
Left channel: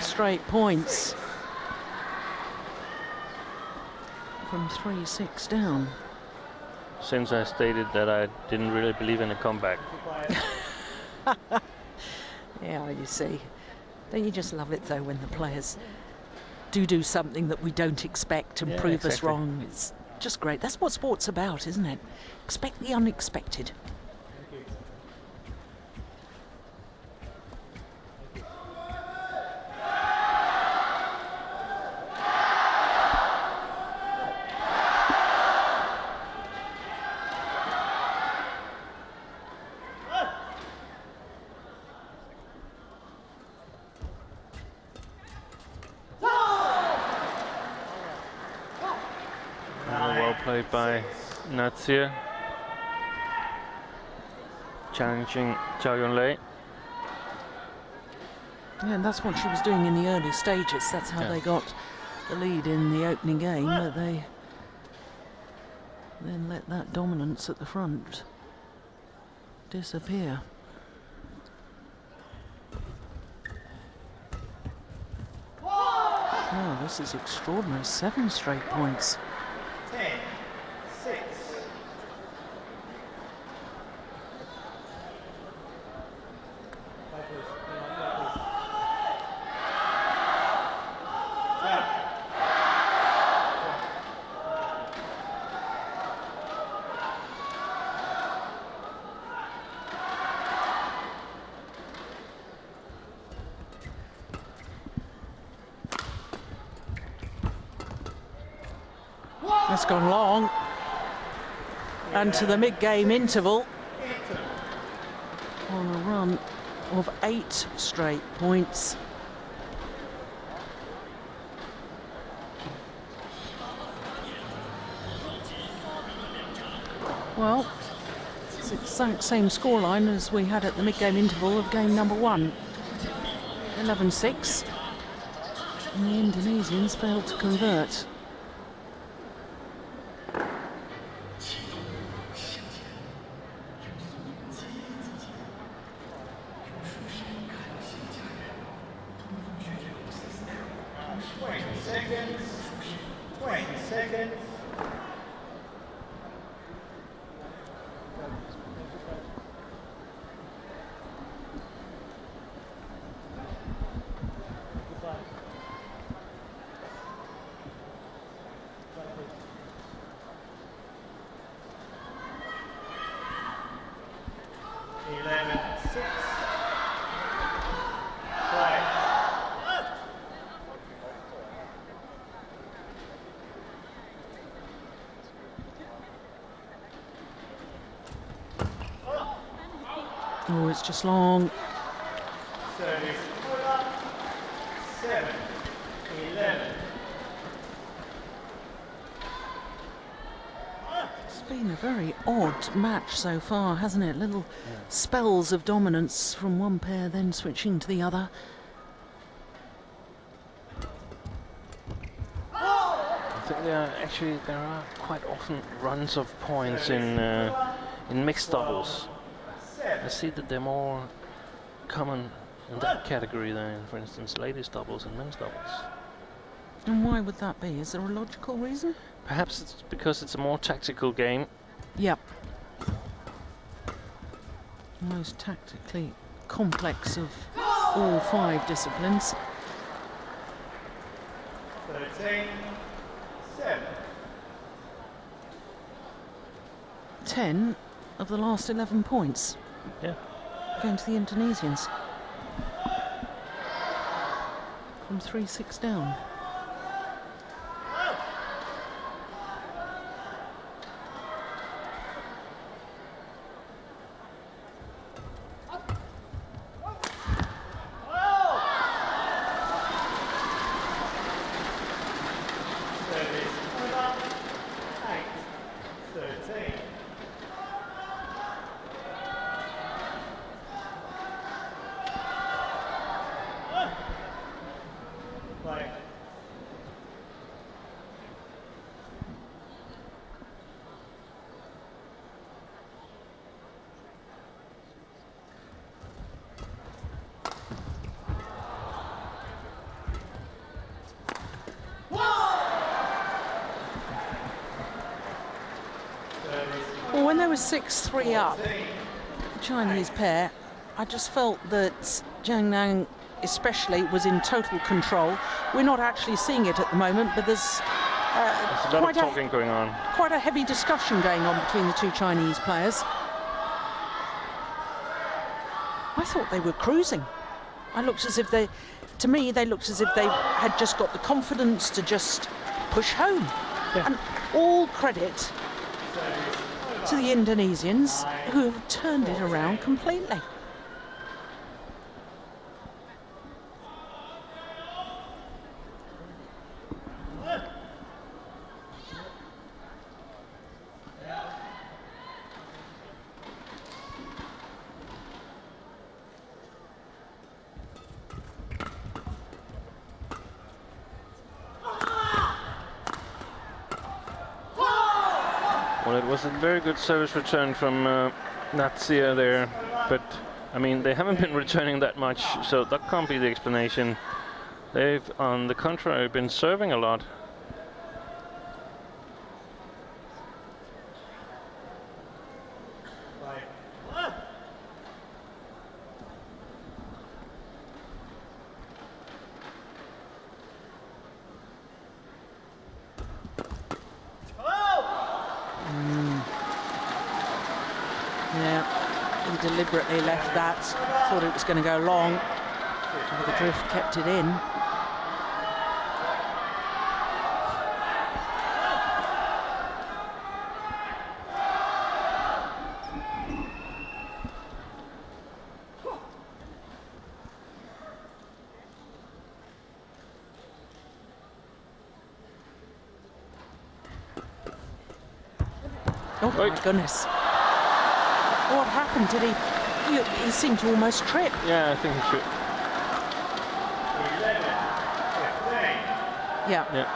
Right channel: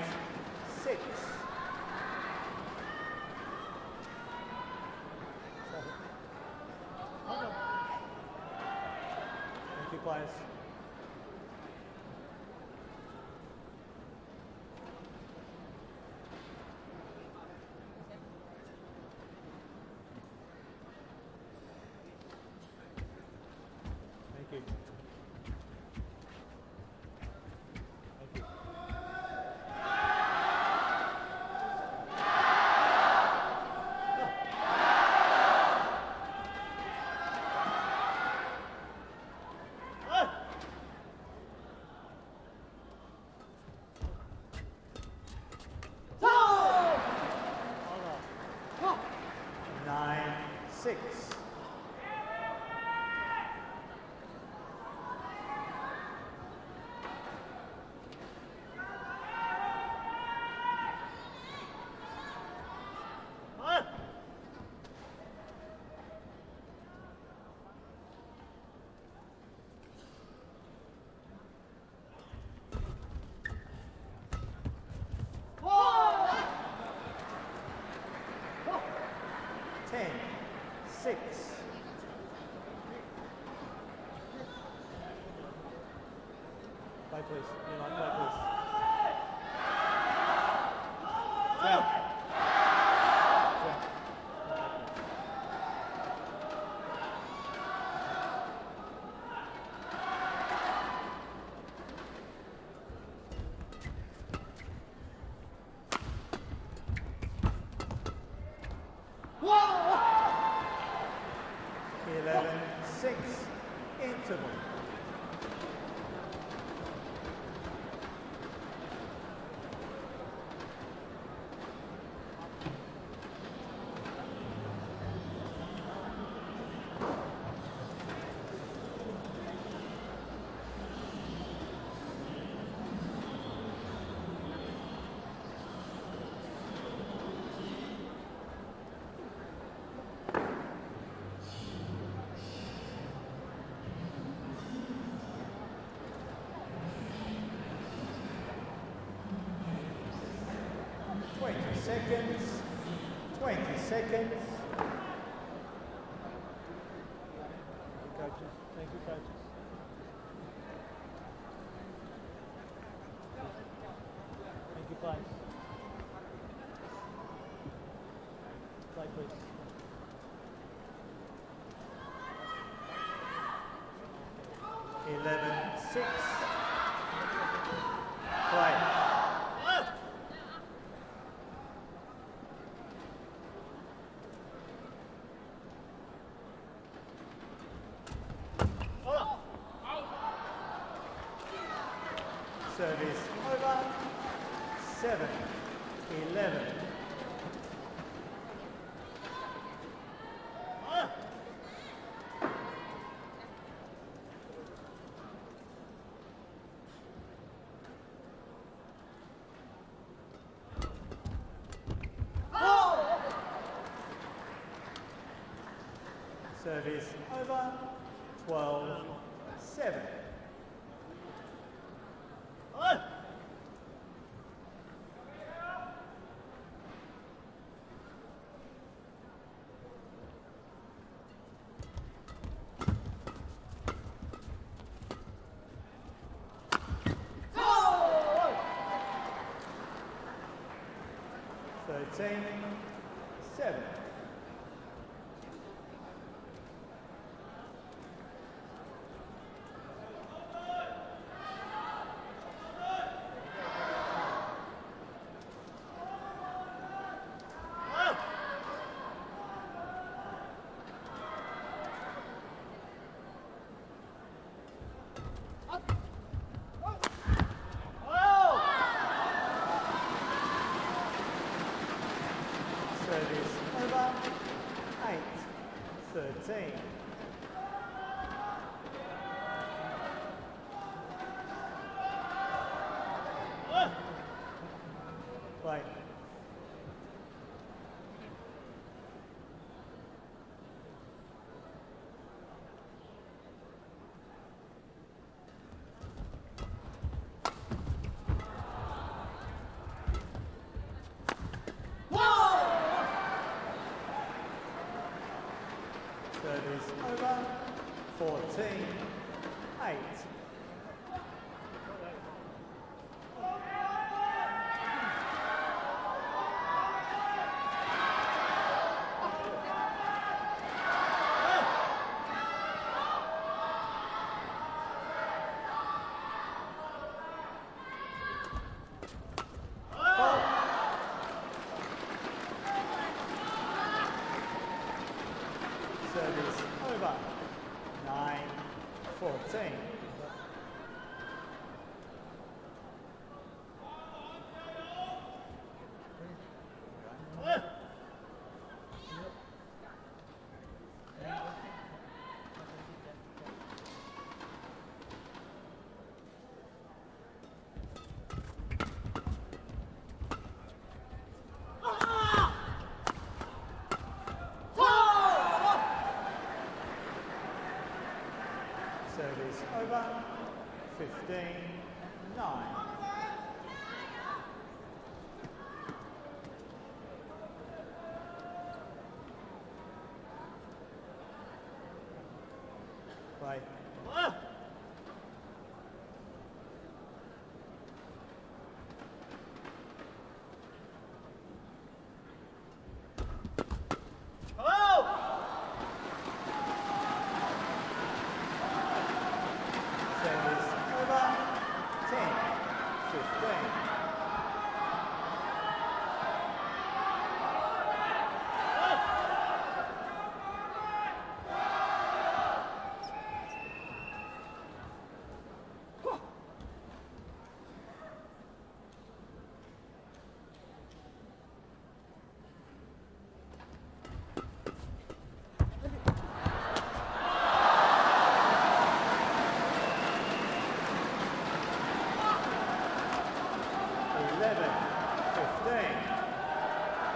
Straight points from 3-6 down. Since I stated that I didn't really believe in a comeback. Yeah, you see. Don't you just love it though when the players do something that we don't expect and prove us wrong? It's just great. That's what sport's about, isn't it? Expect the unexpected. Thank you. By L.Natsir, challenging Zhao Yunlei. Yeah, and that's what she was doing in the early stages. That's how they got the lead in the opening game, but they then let that dominance at the front disappear. Oh, this is extraordinary. 7 straight points. 10-6. Play please. Play please. Yeah. gone long. And to the mid-game interval. On a run of 8 straight points. Well, it's the same scoreline as we had at the mid-game interval of game number 1. 11-6. And the Indonesians failed to convert. Oh, it's just long. Service over. 7-11. It's been a very odd match so far, hasn't it? Little spells of dominance from one pair, then switching to the other. Actually, there are quite often runs of points in mixed doubles. I see that they're more common in that category than, for instance, ladies doubles and men's doubles. And why would that be? Is there a logical reason? Perhaps it's because it's a more tactical game. Yep. Most tactically complex of all 5 disciplines. 13-7. 10 of the last 11 points. Yeah. Going to the Indonesians. From 3-6 down. Service over. 8-13. Play. Well, when they were 6-3 up, Chinese pair, I just felt that Zhang especially was in total control. We're not actually seeing it at the moment, but there's There's a lot of talking going on. quite a heavy discussion going on between the 2 Chinese players. I thought they were cruising. I looked as if they, to me, they looked as if they had just got the confidence to just push home. And all credit to the Indonesians, who have turned it around completely. Well, it was a very good service return from L.Natsir there, but I mean, they haven't been returning that much, so that can't be the explanation. They've, on the contrary, been serving a lot. Play. Yeah, he deliberately left that. Thought it was going to go long. The drift kept it in. my goodness. What happened? Did he seemed to almost trip. Yeah, I think he should. 11, 15. Yeah. Yeah.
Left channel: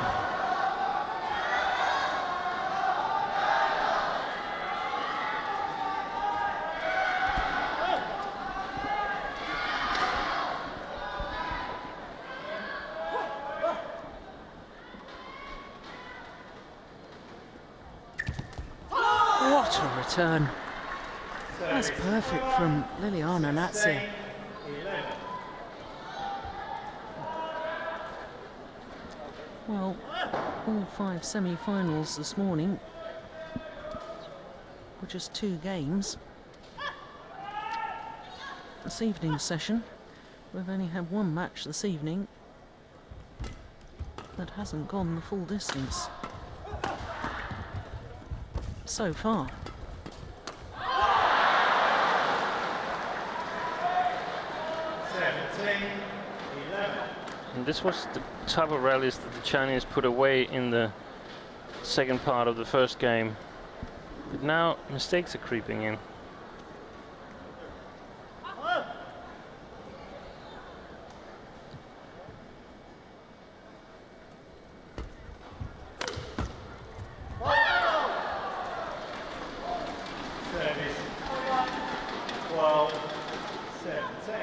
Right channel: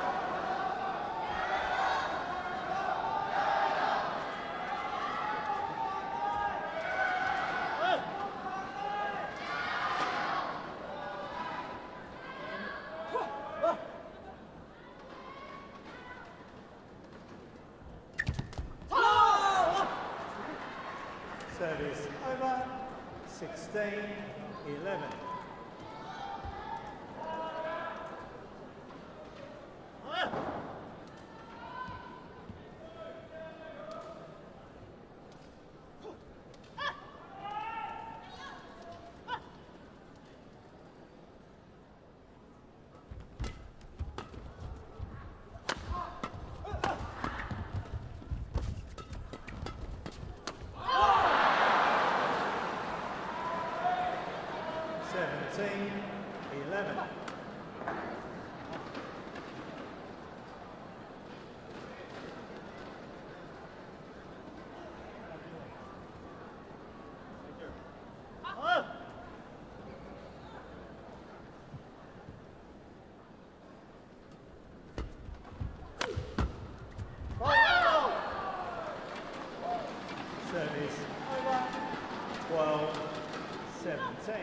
What a return. That's perfect from Liliyana. 11. Well, all 5 semi-finals this morning were just 2 games. This evening's session, we've only had 1 match this evening that hasn't gone the full distance so far. 17, 11. And this was the type of rallies that the Chinese put away in the second part of the first game. But now mistakes are creeping in. Service 12, 17.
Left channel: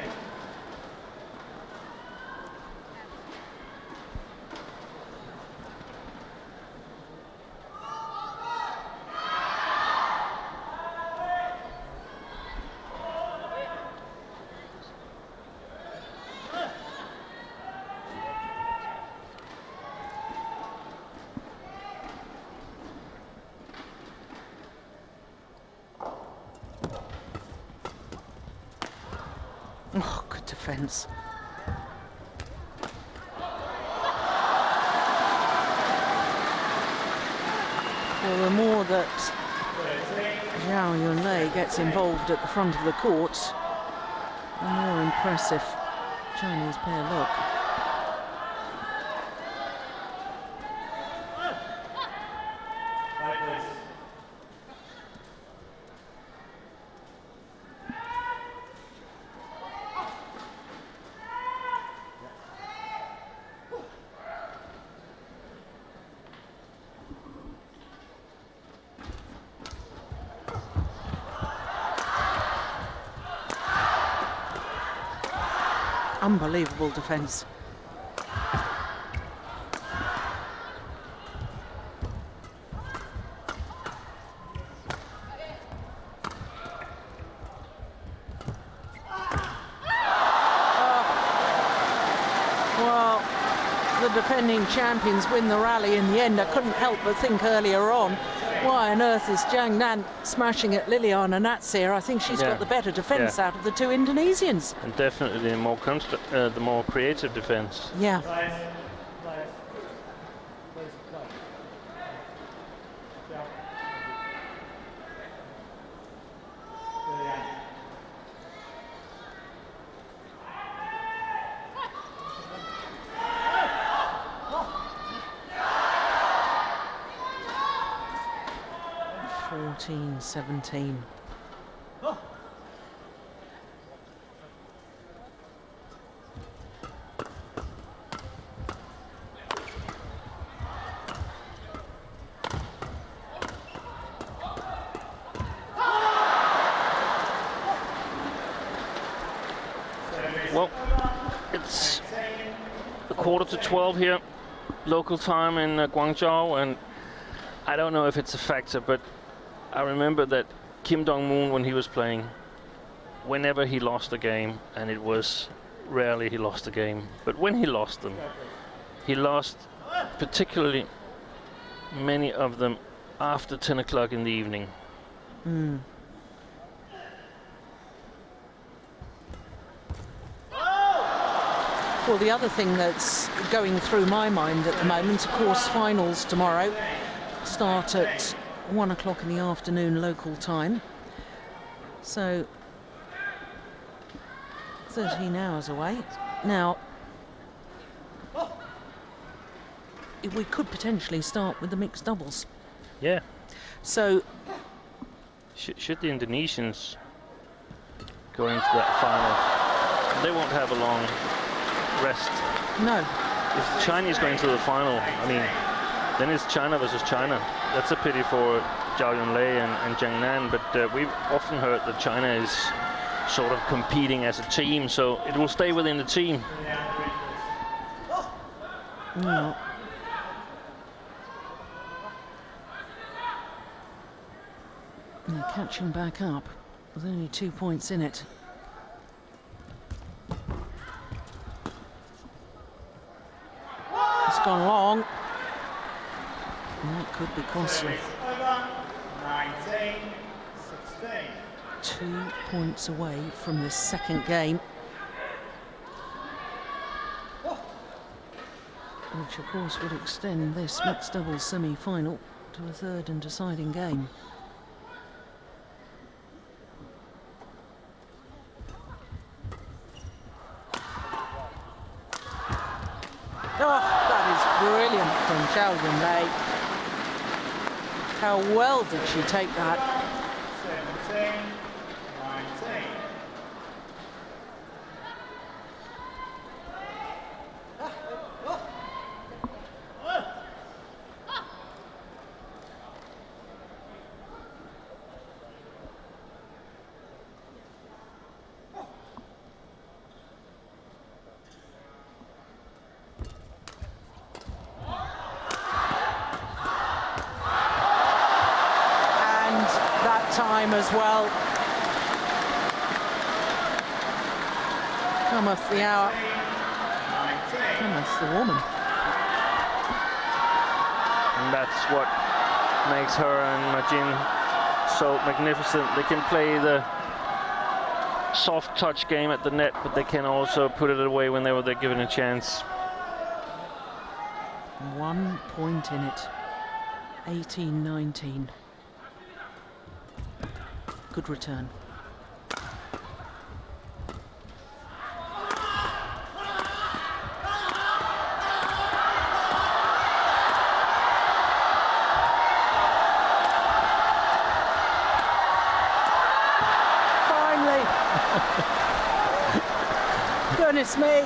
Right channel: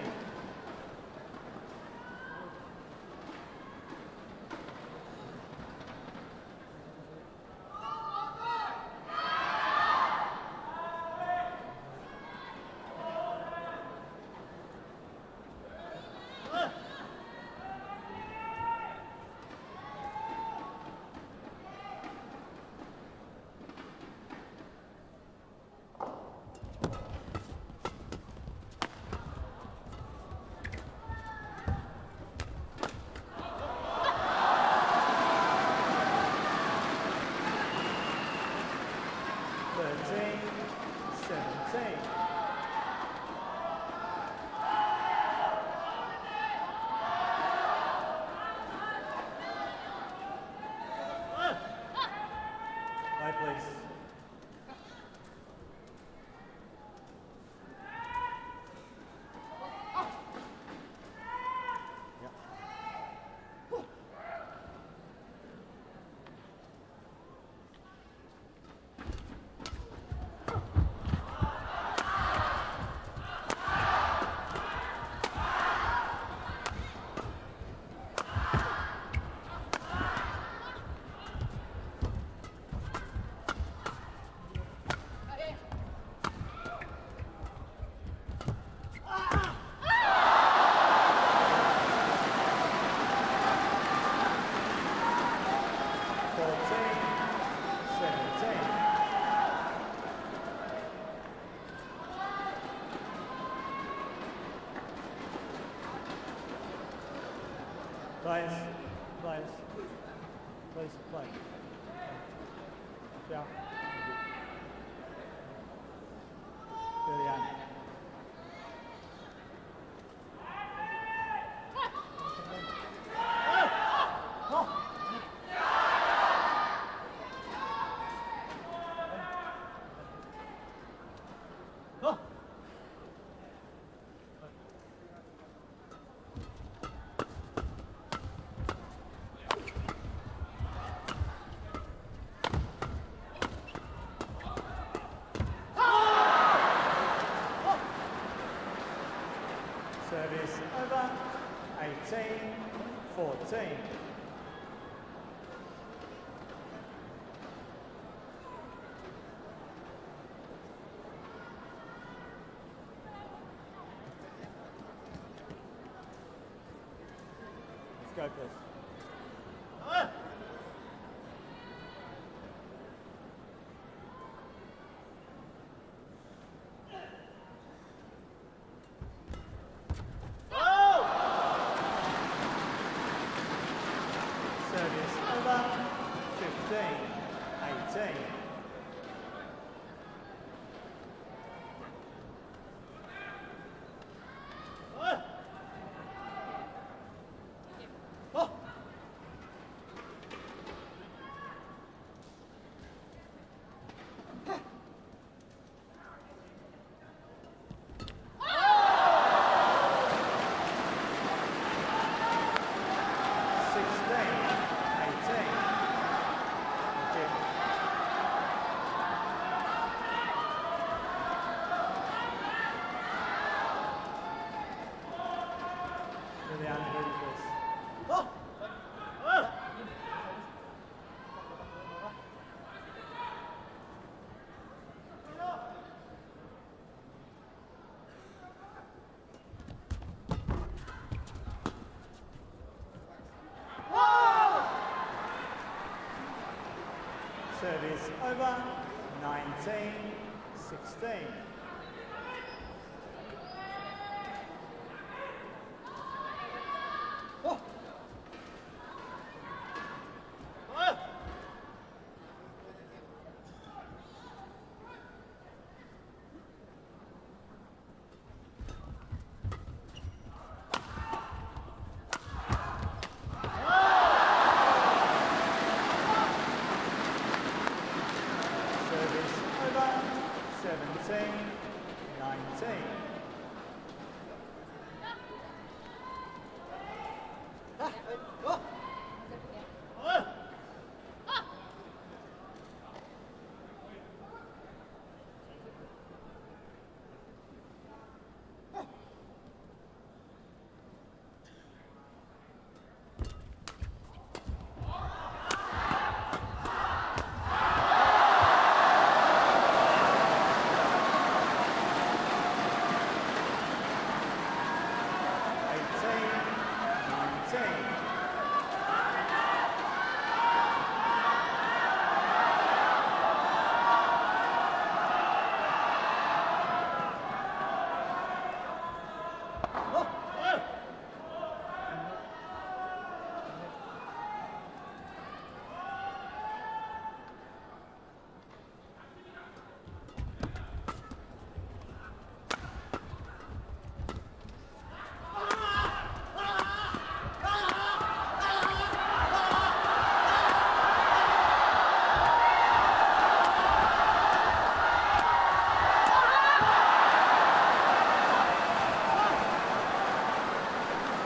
Oh, good defence. Well, the more that Zhao Yunlei gets involved at the front of the court, the more impressive Chinese pair look. Right, please. Unbelievable defence. Champions win the rally in the end. I couldn't help but think earlier on, why on earth is Zhang smashing at Liliyana? I think she's got the better defence out of the 2 Indonesians. And definitely the more creative defence. Yeah. Players, please play. Yeah. Liliyana. Team 17. Well, it's a 11:45 here, local time in Guangzhou, and I don't know if it's a factor, but I remember that Kim Dong-moon, when he was playing, whenever he lost a game, and it was rarely he lost a game, but when he lost them, he lost particularly many of them after 10 o'clock in the evening. Well, the other thing that's going through my mind at the moment, of course, finals tomorrow start at 1 o'clock in the afternoon local time, so 13 hours away. Now, we could potentially start with the mixed doubles. Yeah. So Should the Indonesians go into that final, they won't have a long rest. No. If the Chinese go into the final, I mean, then it's China versus China. That's a pity for Zhao, Yunlei and Zhang, but we've often heard that China is sort of competing as a team, so it will stay within the team. Mm. And catching back up with only 2 points in it. It's gone long. And that could be costly. Over. 19-16. 2 points away from the second game. Which of course would extend this mixed doubles semi-final to a third and deciding game. How well does she take that? 17-19. The hour. 19. That's the woman. And that's what makes her and Najin so magnificent. They can play the soft touch game at the net, but they can also put it away whenever they're given a chance. 1 point in it. 18-19. Good return. Me,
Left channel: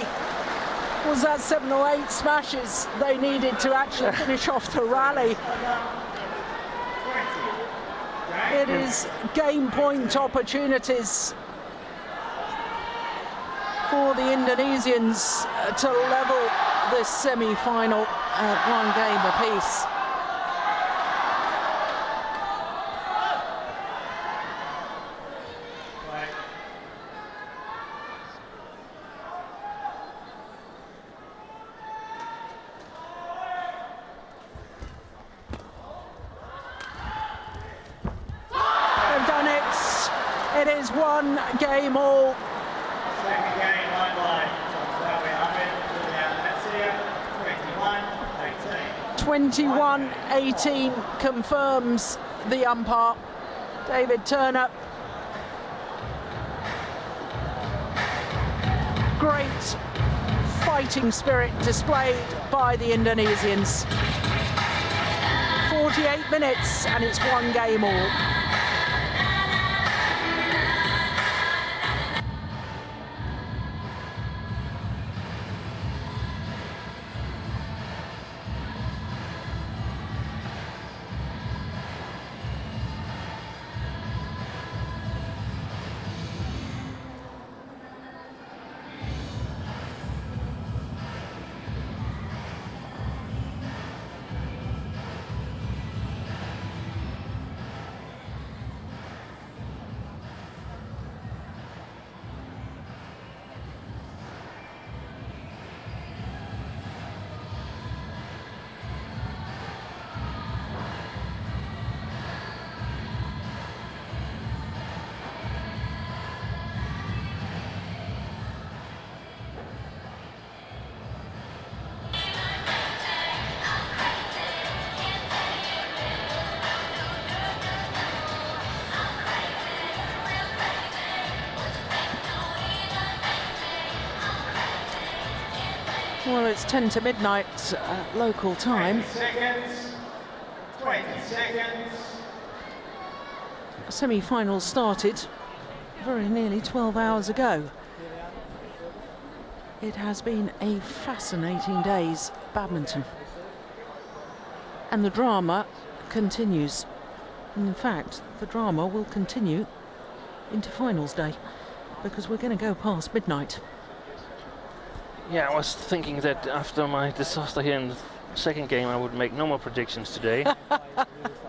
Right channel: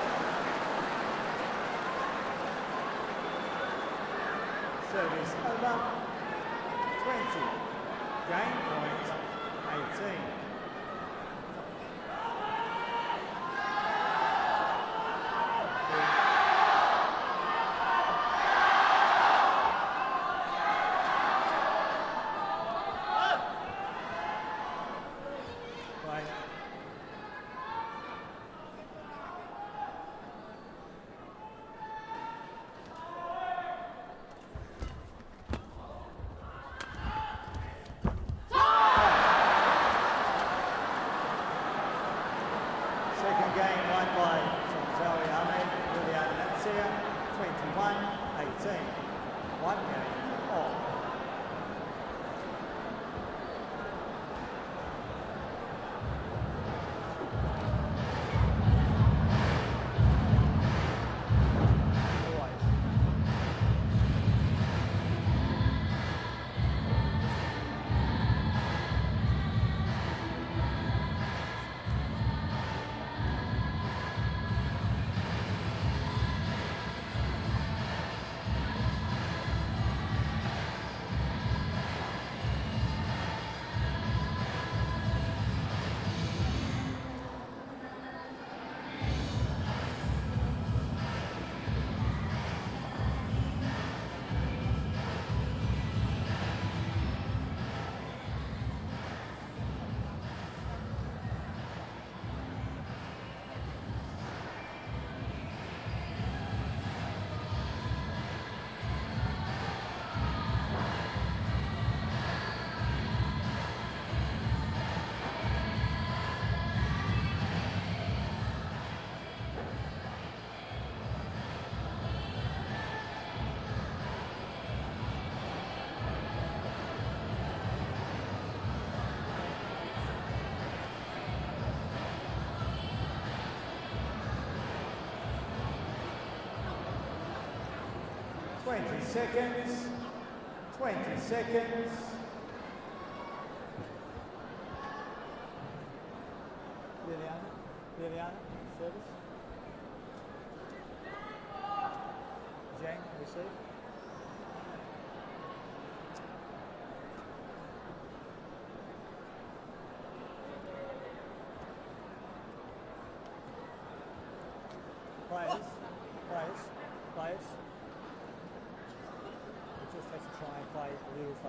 was that 7 or 8 smashes they needed to actually finish off the rally. It is game point opportunities for the Indonesians to level this semi-final at 1 game apiece. Game all. Second game won by Tontowi, L.Natsir, 21-18. 21-18 confirms the umpire, David Turner. Great fighting spirit displayed by the Indonesians. 48 minutes and it's 1 game all. Well, it's 10 to midnight local time. 20 seconds. 20 seconds. semi-finals started very nearly 12 hours ago. Liliyana, service. It has been a fascinating day's badminton, Receive. and the drama continues. In fact, the drama will continue into finals day, because we're going to go past midnight. Yeah, I was thinking that after my disaster here in the second game, I would make no more predictions today.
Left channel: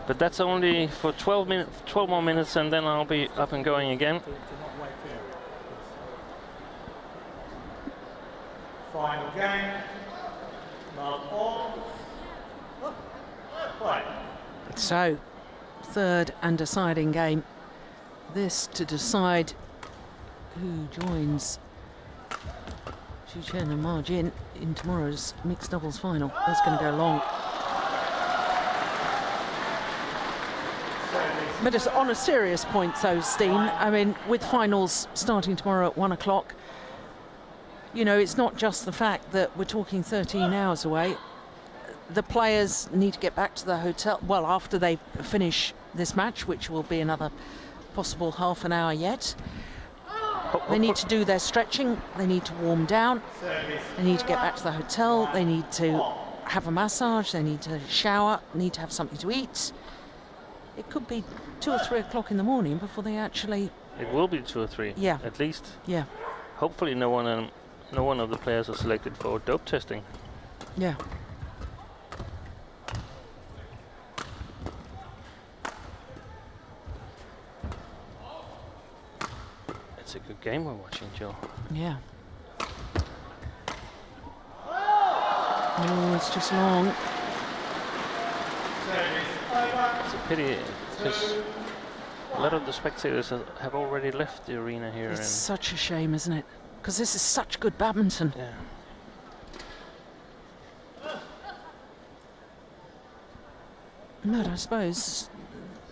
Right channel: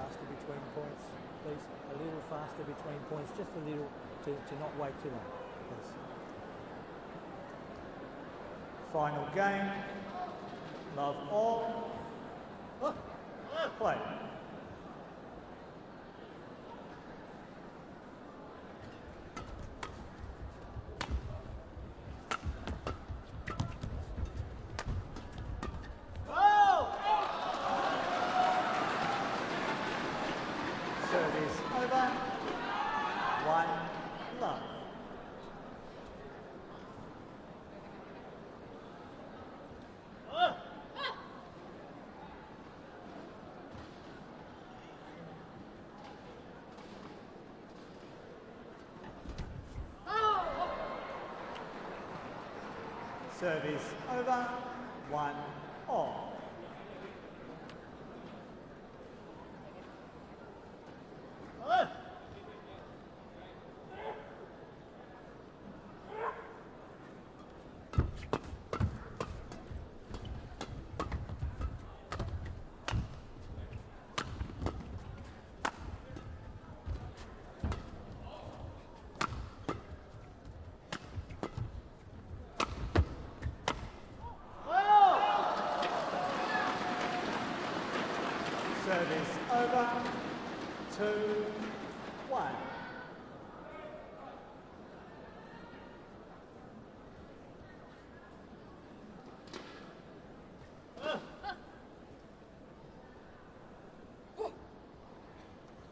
But that's only for 12 more minutes, and then I'll be up and going again. To not wait too long. Final game. Love all. Play. So, third and deciding game. This to decide who joins Chen and Ma Jin in tomorrow's mixed doubles final. That's going to go long. But it's on a serious point though, Steen. I mean, with finals starting tomorrow at 1 o'clock, you know, it's not just the fact that we're talking 13 hours away. The players need to get back to the hotel, well, after they finish this match, which will be another possible half an hour yet. They need to do their stretching, they need to warm down, they need to get back to the hotel, they need to have a massage, they need to shower, need to have something to eat. It could be 2 or 3 o'clock in the morning before they actually... It will be 2 or 3, yeah, at least. Yeah. Hopefully no one of the players are selected for dope testing. Yeah. It's a good game we're watching, Joe. Yeah. Oh, it's just long. It's a pity, because a lot of the spectators have already left the arena here. It's such a shame, isn't it? Because this is such good badminton. Yeah. No, I suppose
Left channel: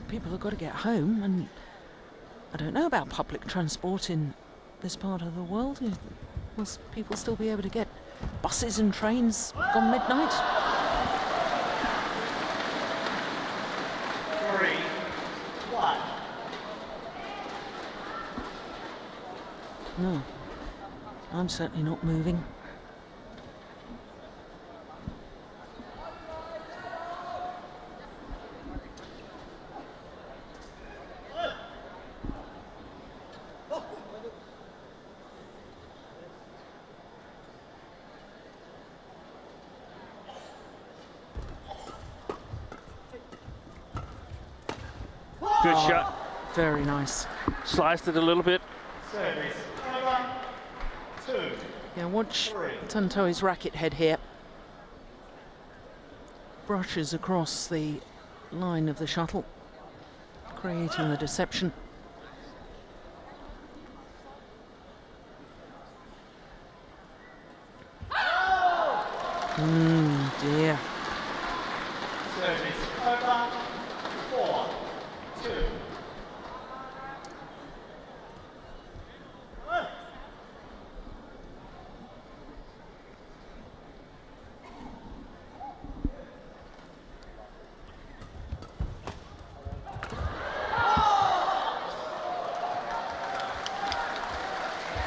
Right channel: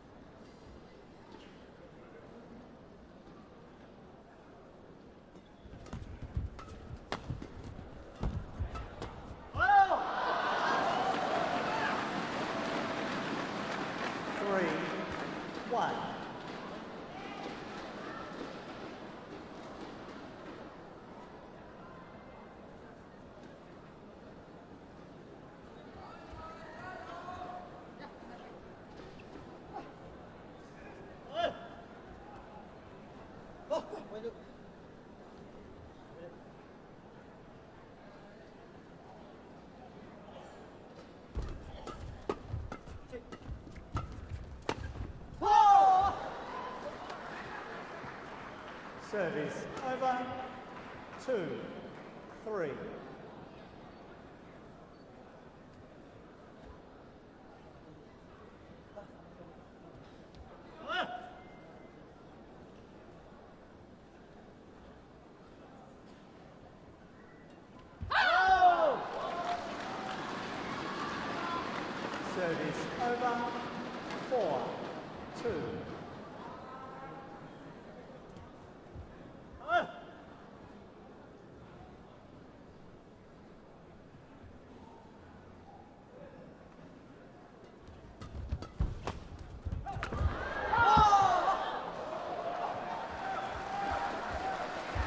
people have got to get home, and I don't know about public transport in this part of the world. Will people still be able to get buses and trains from midnight? 3, 1. No, I'm certainly not moving. Good shot. Very nice. Sliced it a little bit. Service over. 2. Yeah, watch 3. Tontowi's racket head here. Brushes across the line of the shuttle, creating the deception. Dear. Service over. 4, 2.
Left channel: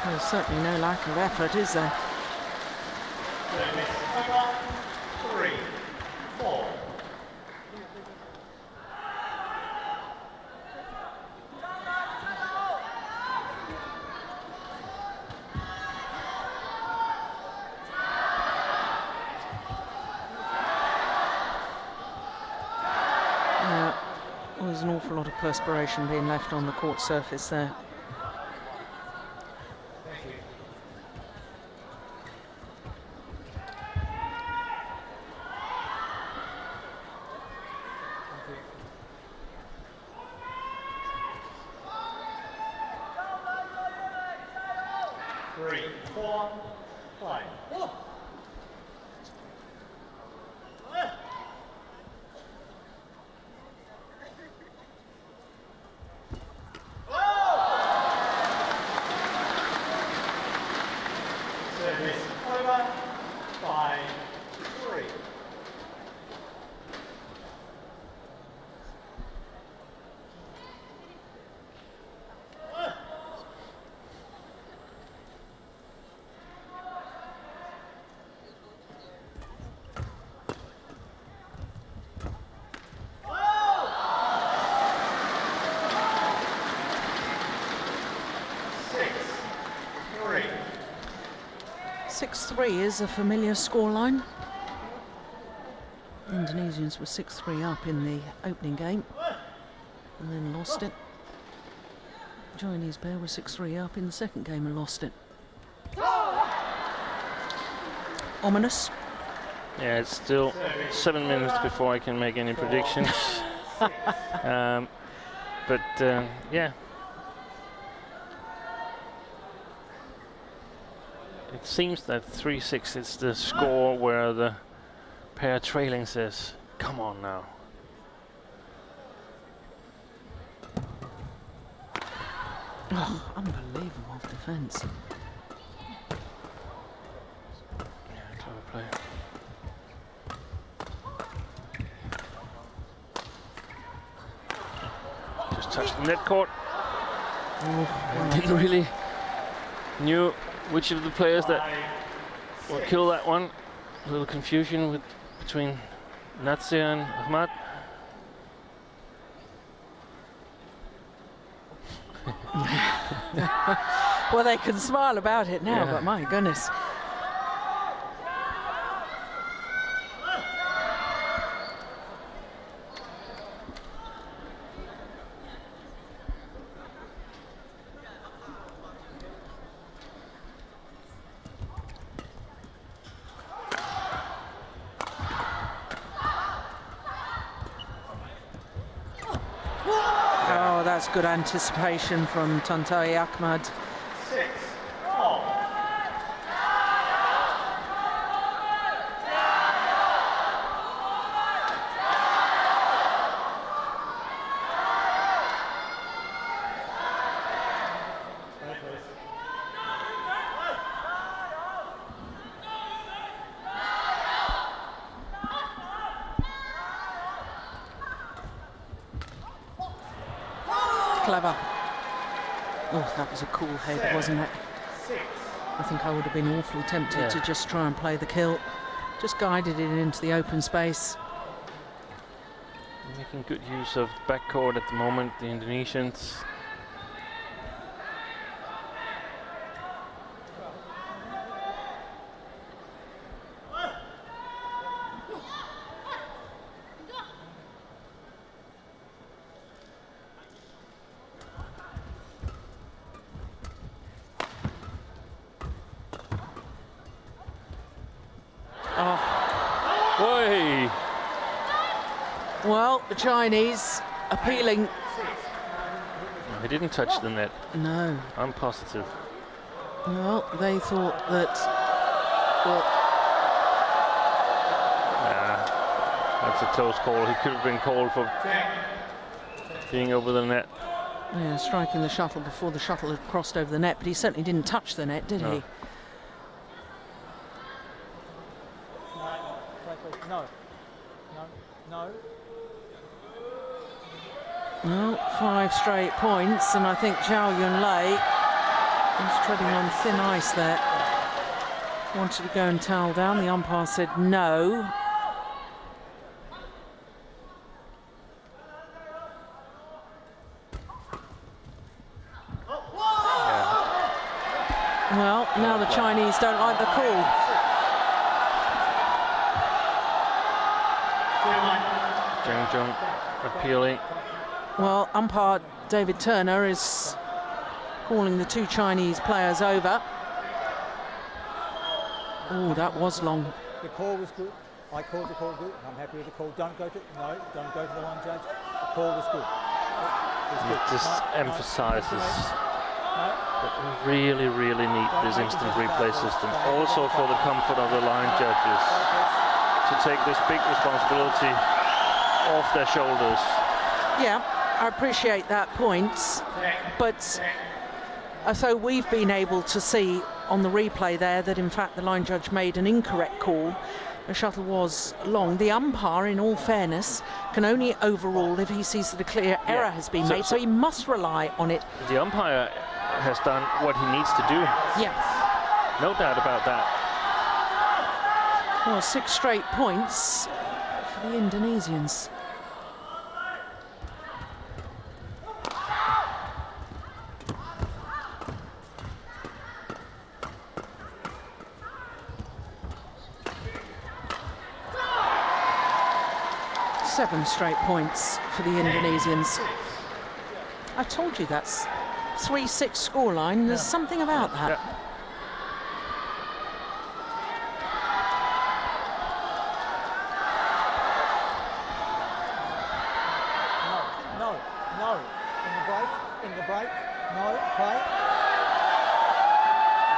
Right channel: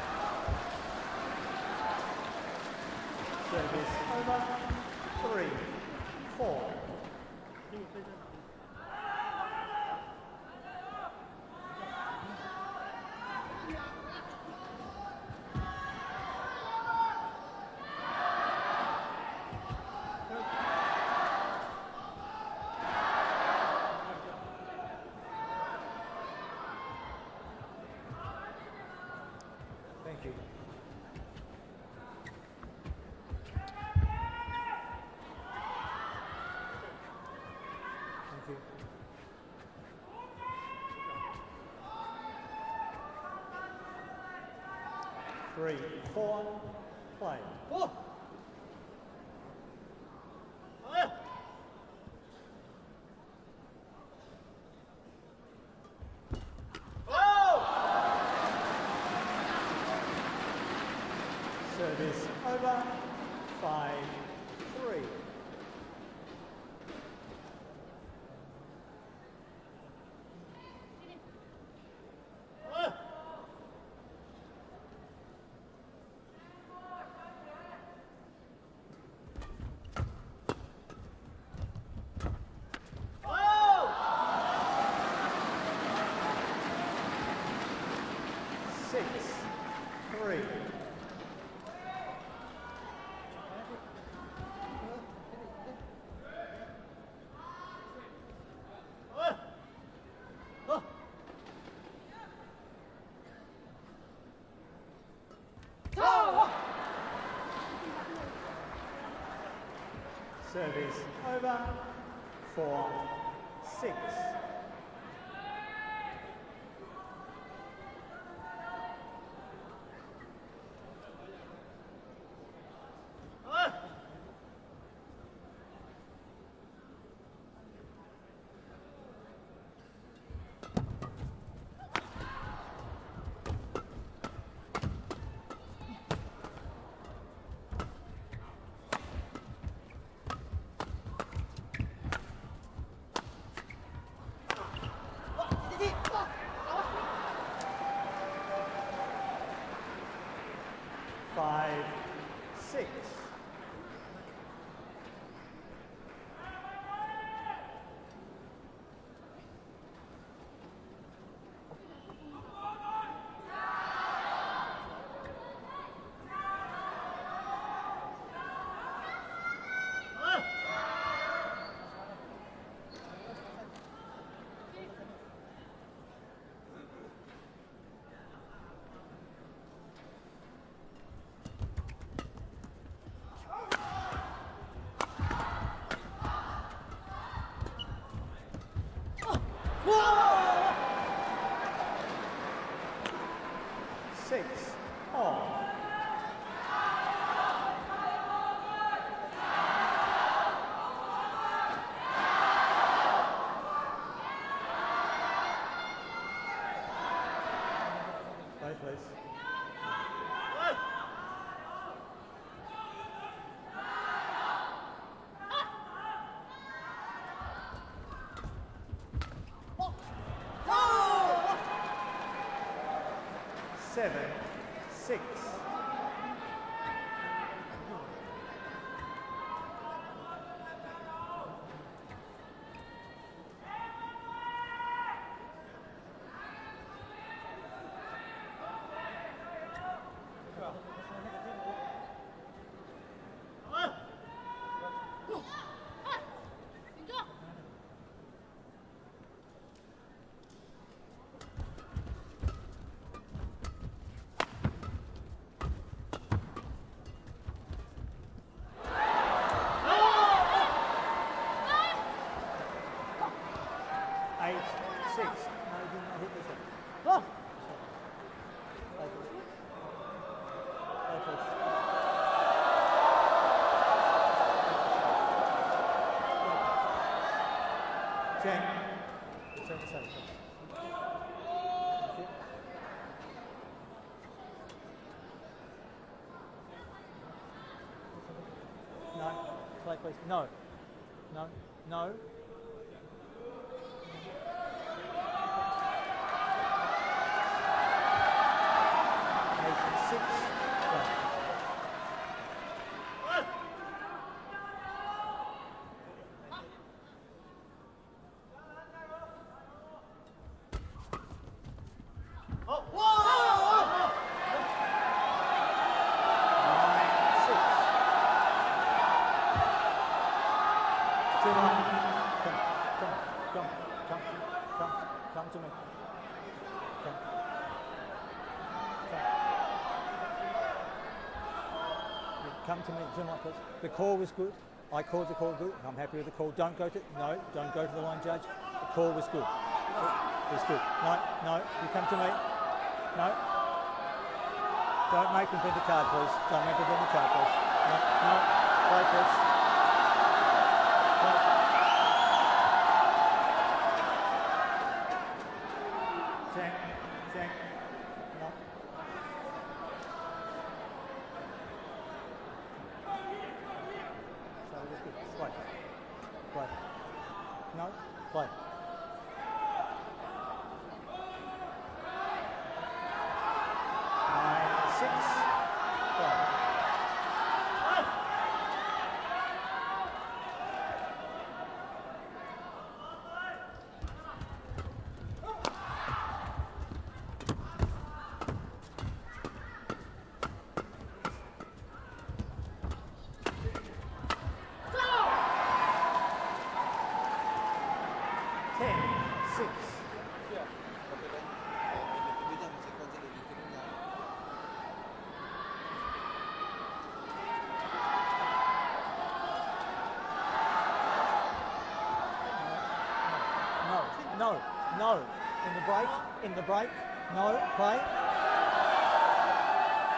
There's certainly no lack of effort, is there? Service over. 3, 4. There's an awful lot of perspiration being left on the court surface there. Thank you. Thank you. 3, 4. Play. Service over. 5, 3. 6-3. 6-3 is a familiar scoreline. The Indonesians were 6-3 up in the opening game and then lost it. Chinese pair were 6-3 up in the second game and lost it. Ominous. Yeah, it's still 7 minutes before I can make any predictions. Yeah. It seems that 3-6 is the score where the pair trailing says, come on now. Oh, unbelievable defence. Just touched the net court. Didn't really knew which of the players that will kill that one. A little confusion between L.Natsir and T.Ahmad. Well, they can smile about it now, Yeah. but my goodness. Oh, that's good anticipation from T.Ahmad. 6-all. Play, please. Clever. Oh, that was a cool head, wasn't it? 6. I think I would have been awfully tempted to just try and play the kill. Just guided it into the open space. Making good use of backcourt at the moment, the Indonesians. Well, the Chinese appealing. They didn't touch the net. No. I'm positive. Well, they thought that. That's a close call. He could have been called for being over the net. Yeah, striking the shuttle before the shuttle had crossed over the net, but he certainly didn't touch the net, did he? No, play, please. No. No. No. Well, 5 straight points, and I think Zhao Yunlei was treading on thin ice there. Wanted to go and towel down. The umpire said no. Well, now the Chinese don't like the call. Zhang appealing. Well, umpire David Turner is calling the 2 Chinese players over. Oh, that was long. The call was good. I called the call good. I'm happy with the call. Don't go to the line, judge. The call was good. It was good. Just emphasises that we really, really need this instant replay system. Also for the comfort of the line judges to take this big responsibility off their shoulders. Yeah, I appreciate that point, but so we've been able to see on the replay there that in fact the line judge made an incorrect call. The shuttle was long. The umpire, in all fairness, can only overrule if he sees that a clear error has been made, so he must rely on it. The umpire has done what he needs to do. Yes. No doubt about that. Well, 6 straight points for the Indonesians. 11 straight points for the Indonesians. I told you that's 3-6 scoreline. There's something about that. No. In the break. No, play.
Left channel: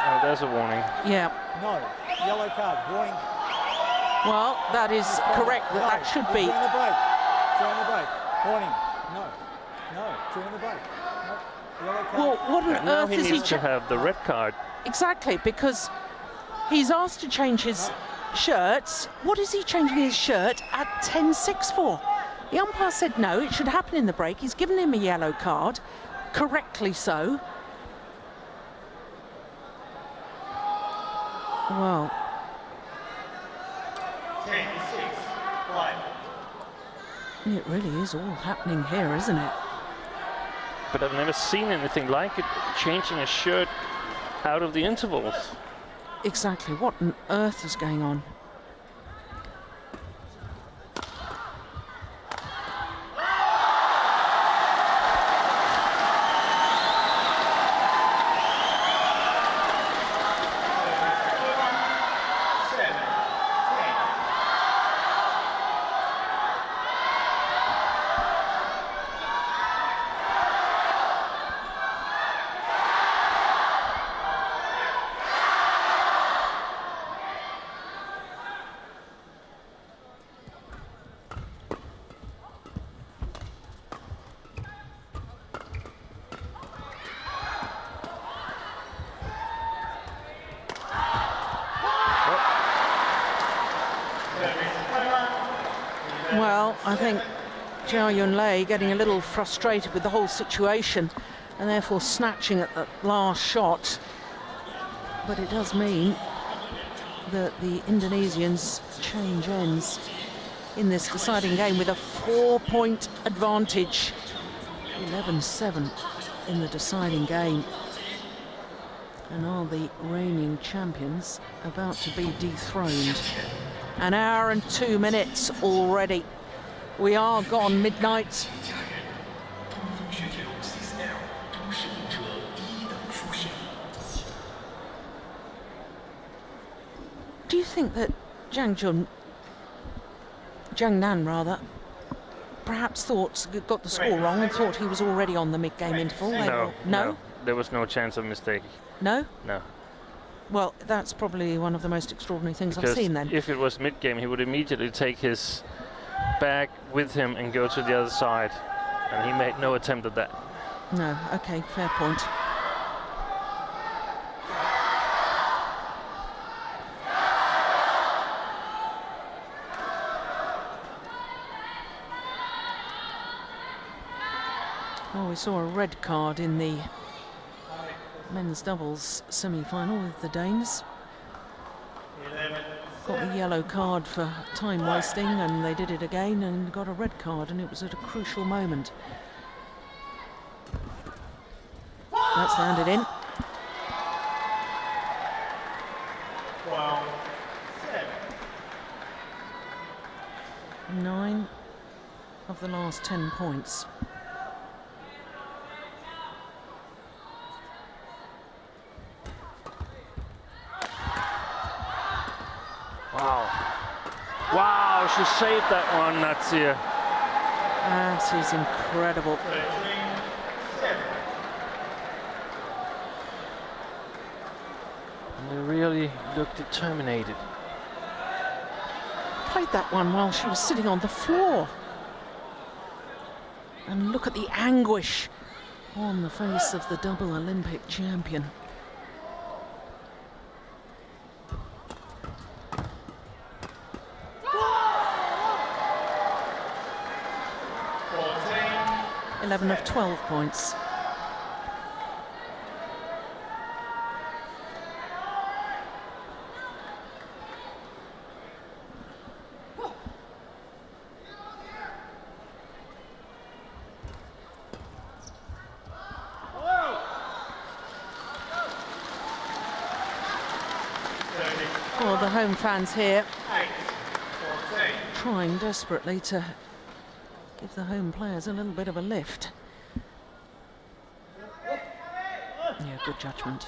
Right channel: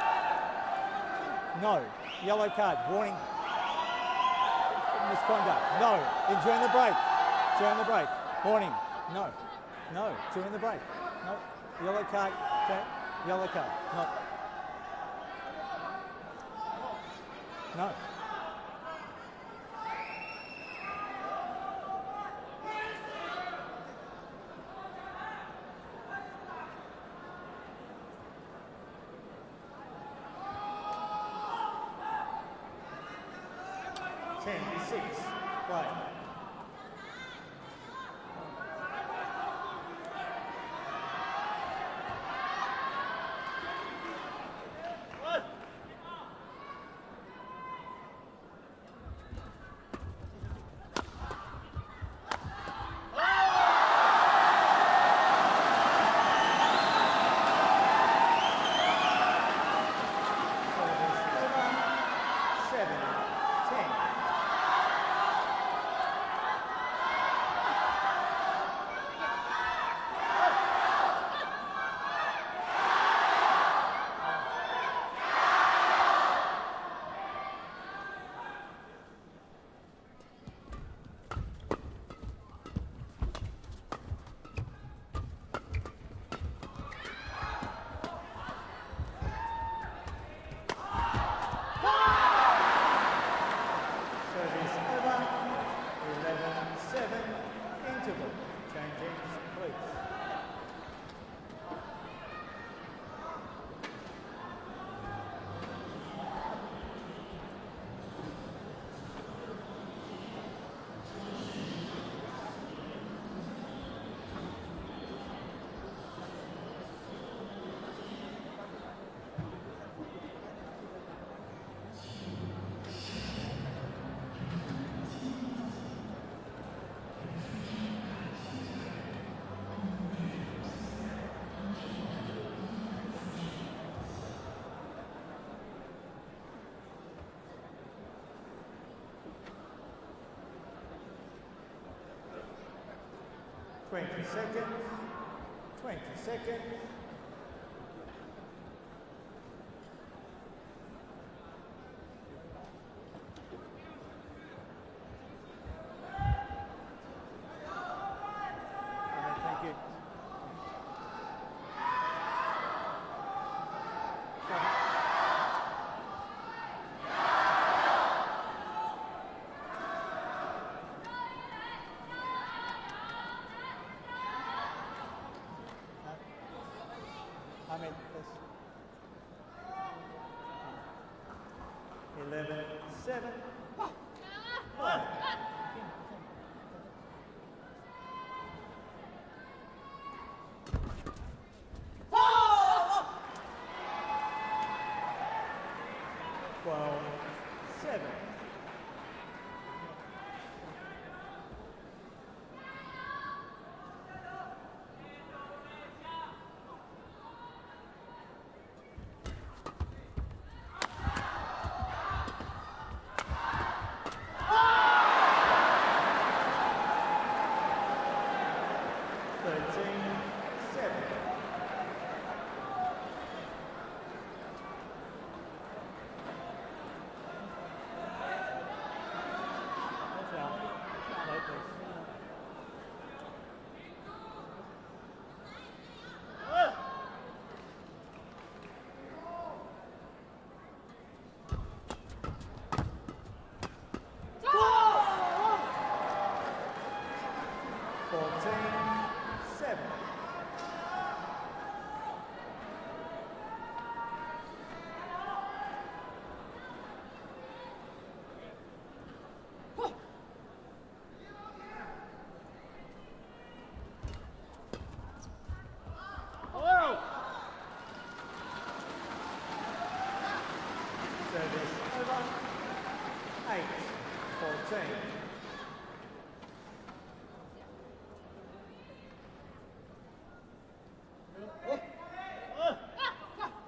Oh, there's a warning. Yeah. No, yellow card, warning. Well, that is correct. No, That should be. during the break. Warning. No, during the break. No, yellow card. Well, what on Now earth he is he? needs to have the red card. Exactly, because he's asked to change his shirts. What is he changing his shirt at 10-6 for? The umpire said no, it should happen in the break. He's given him a yellow card, correctly so. Well, 10-6, right. it really is all happening here, isn't it? But I've never seen anything like it, changing a shirt out of the intervals. Exactly, what on earth is going on? Well, I think Yunlei getting a little frustrated with the whole situation and therefore snatching at the last shot. But it does mean that the Indonesians change ends in this deciding game with a 4-point advantage. 11-7 in the deciding game. And are the reigning champions about to be dethroned? An hour and 2 minutes already. We are gone midnight. Do you think that Zhang Nan rather, perhaps got the score wrong and thought he was already on the mid-game interval? No, there was no chance of mistake. No? No. Well, that's probably one of the most extraordinary things Because I've seen then. if it was mid-game, he would immediately take his bag with him and go to the other side. And he made no attempt at that. No, okay, fair point. Oh, we saw a red card in the men's doubles semi-final with the Danes. Got a yellow card for time wasting, and they did it again and got a red card, and it was at a crucial moment. That's landed in. 9 of the last 10 points. Wow, she saved that one, L.Natsir. That is incredible. They really looked determined. Played that one while she was sitting on the floor. And look at the anguish on the face of the double Olympic champion. Of 12 points. Well, the home fans here trying desperately to give the home players a little bit of a lift. Yeah, good judgment.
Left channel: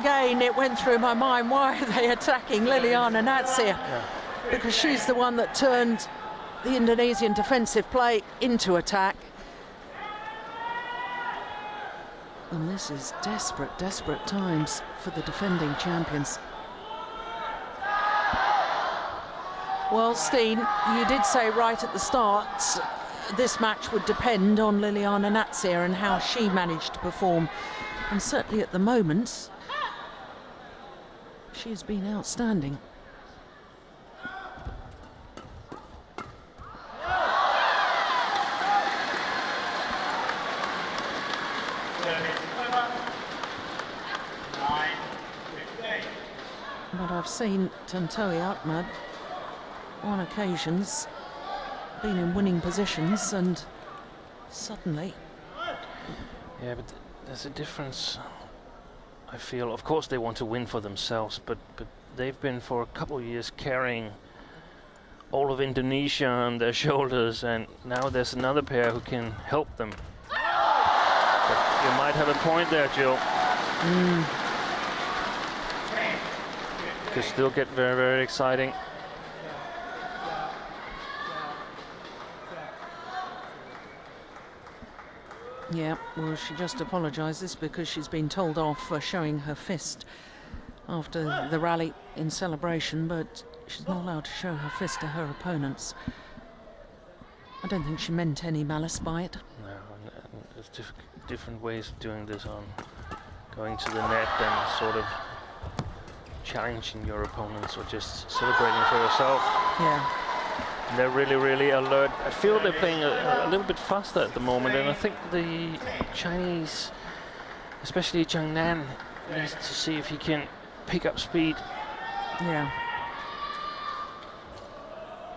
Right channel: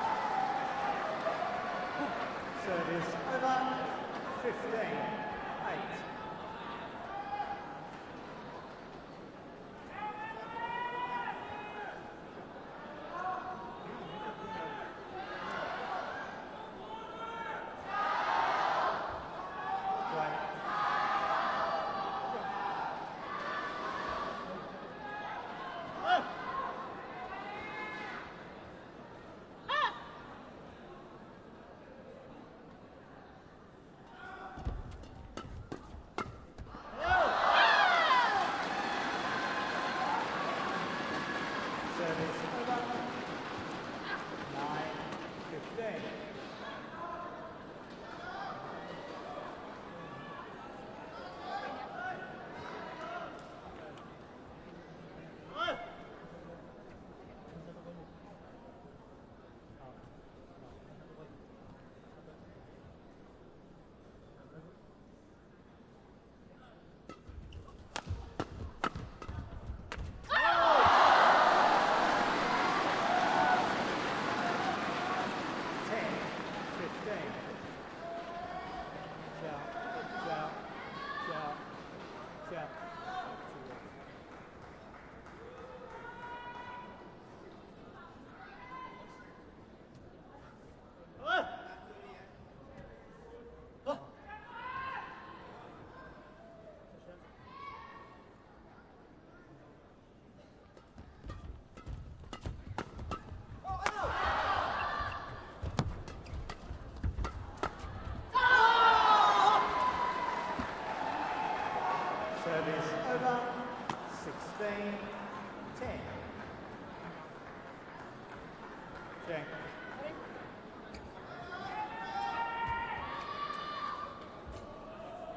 Again, it went through my mind, why are they attacking Liliyana, because she's the one that turned the Indonesian defensive play into attack. And this is desperate, desperate times for the defending champions. Well, Steen, you did say right at the start this match would depend on Liliyana and how she managed to perform. And certainly at the moment, she's been outstanding. But I've seen T.Ahmad on occasions been in winning positions and suddenly. Yeah, but there's a difference. I feel, of course, they want to win for themselves, but they've been for a couple of years carrying all of Indonesia on their shoulders, and now there's another pair who can help them. You might have a point there, Jill. Could still get very, very exciting. Yeah, well, she just apologises because she's been told off for showing her fist after the rally in celebration, but she's not allowed to show her fist to her opponents. I don't think she meant any malice by it. No, and there's different ways of doing this, on going to the net and sort of challenging your opponents, or just celebrating for yourself. Yeah. They're really, really alert. I feel they're playing a little bit faster at the moment, and I think the Chinese, especially Zhang, needs to see if he can pick up speed. Yeah.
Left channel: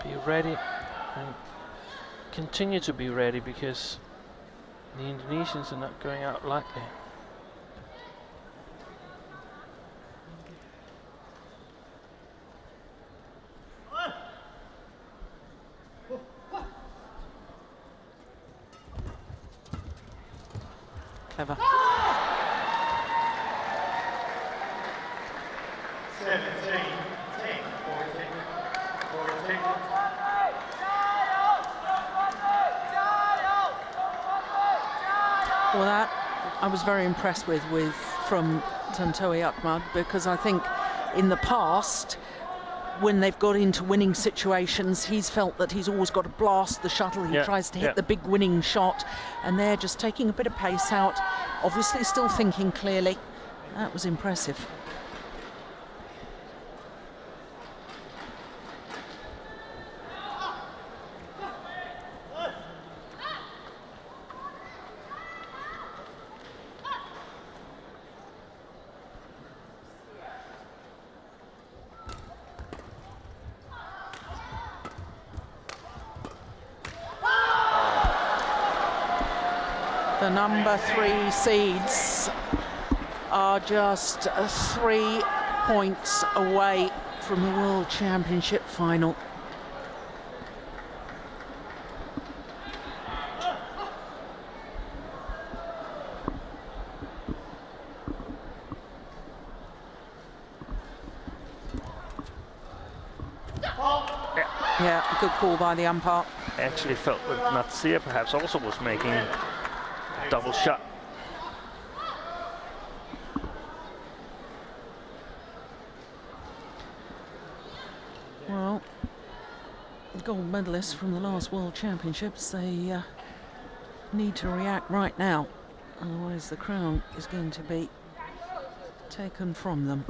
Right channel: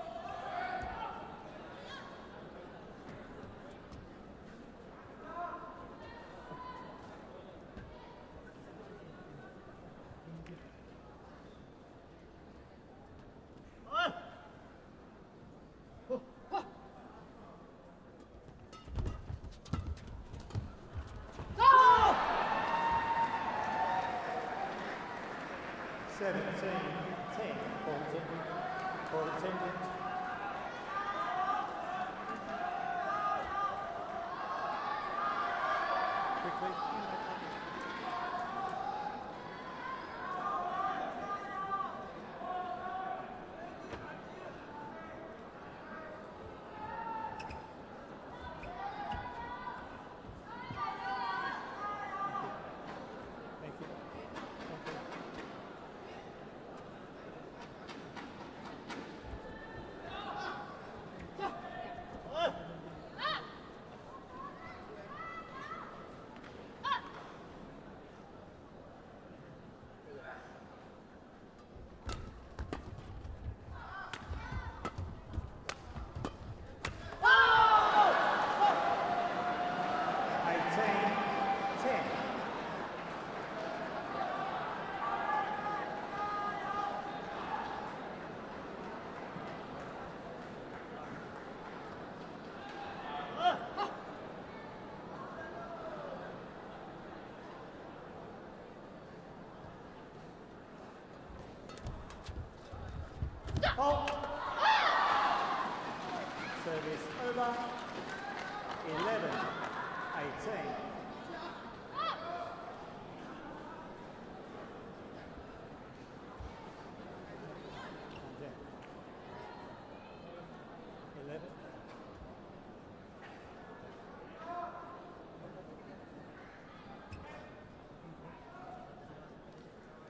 Be ready and continue to be ready, because the Indonesians are not going out lightly. Clever. 17, 10, 14. Well, that I was very impressed with from Tontowi, because I think in the past, when they've got into winning situations, he's felt that he's always got to blast the shuttle. He tries to hit the big winning shot, and they're just taking a bit of pace out, obviously still thinking clearly. That was impressive. The number 3 seeds are just 3 points away from the World Championship final. Yeah, good call by the umpire. I actually felt that L.Natsir perhaps also was making a double shot. Well, the gold medalists from the last World Championships, they need to react right now, otherwise the crown is going to be taken from them.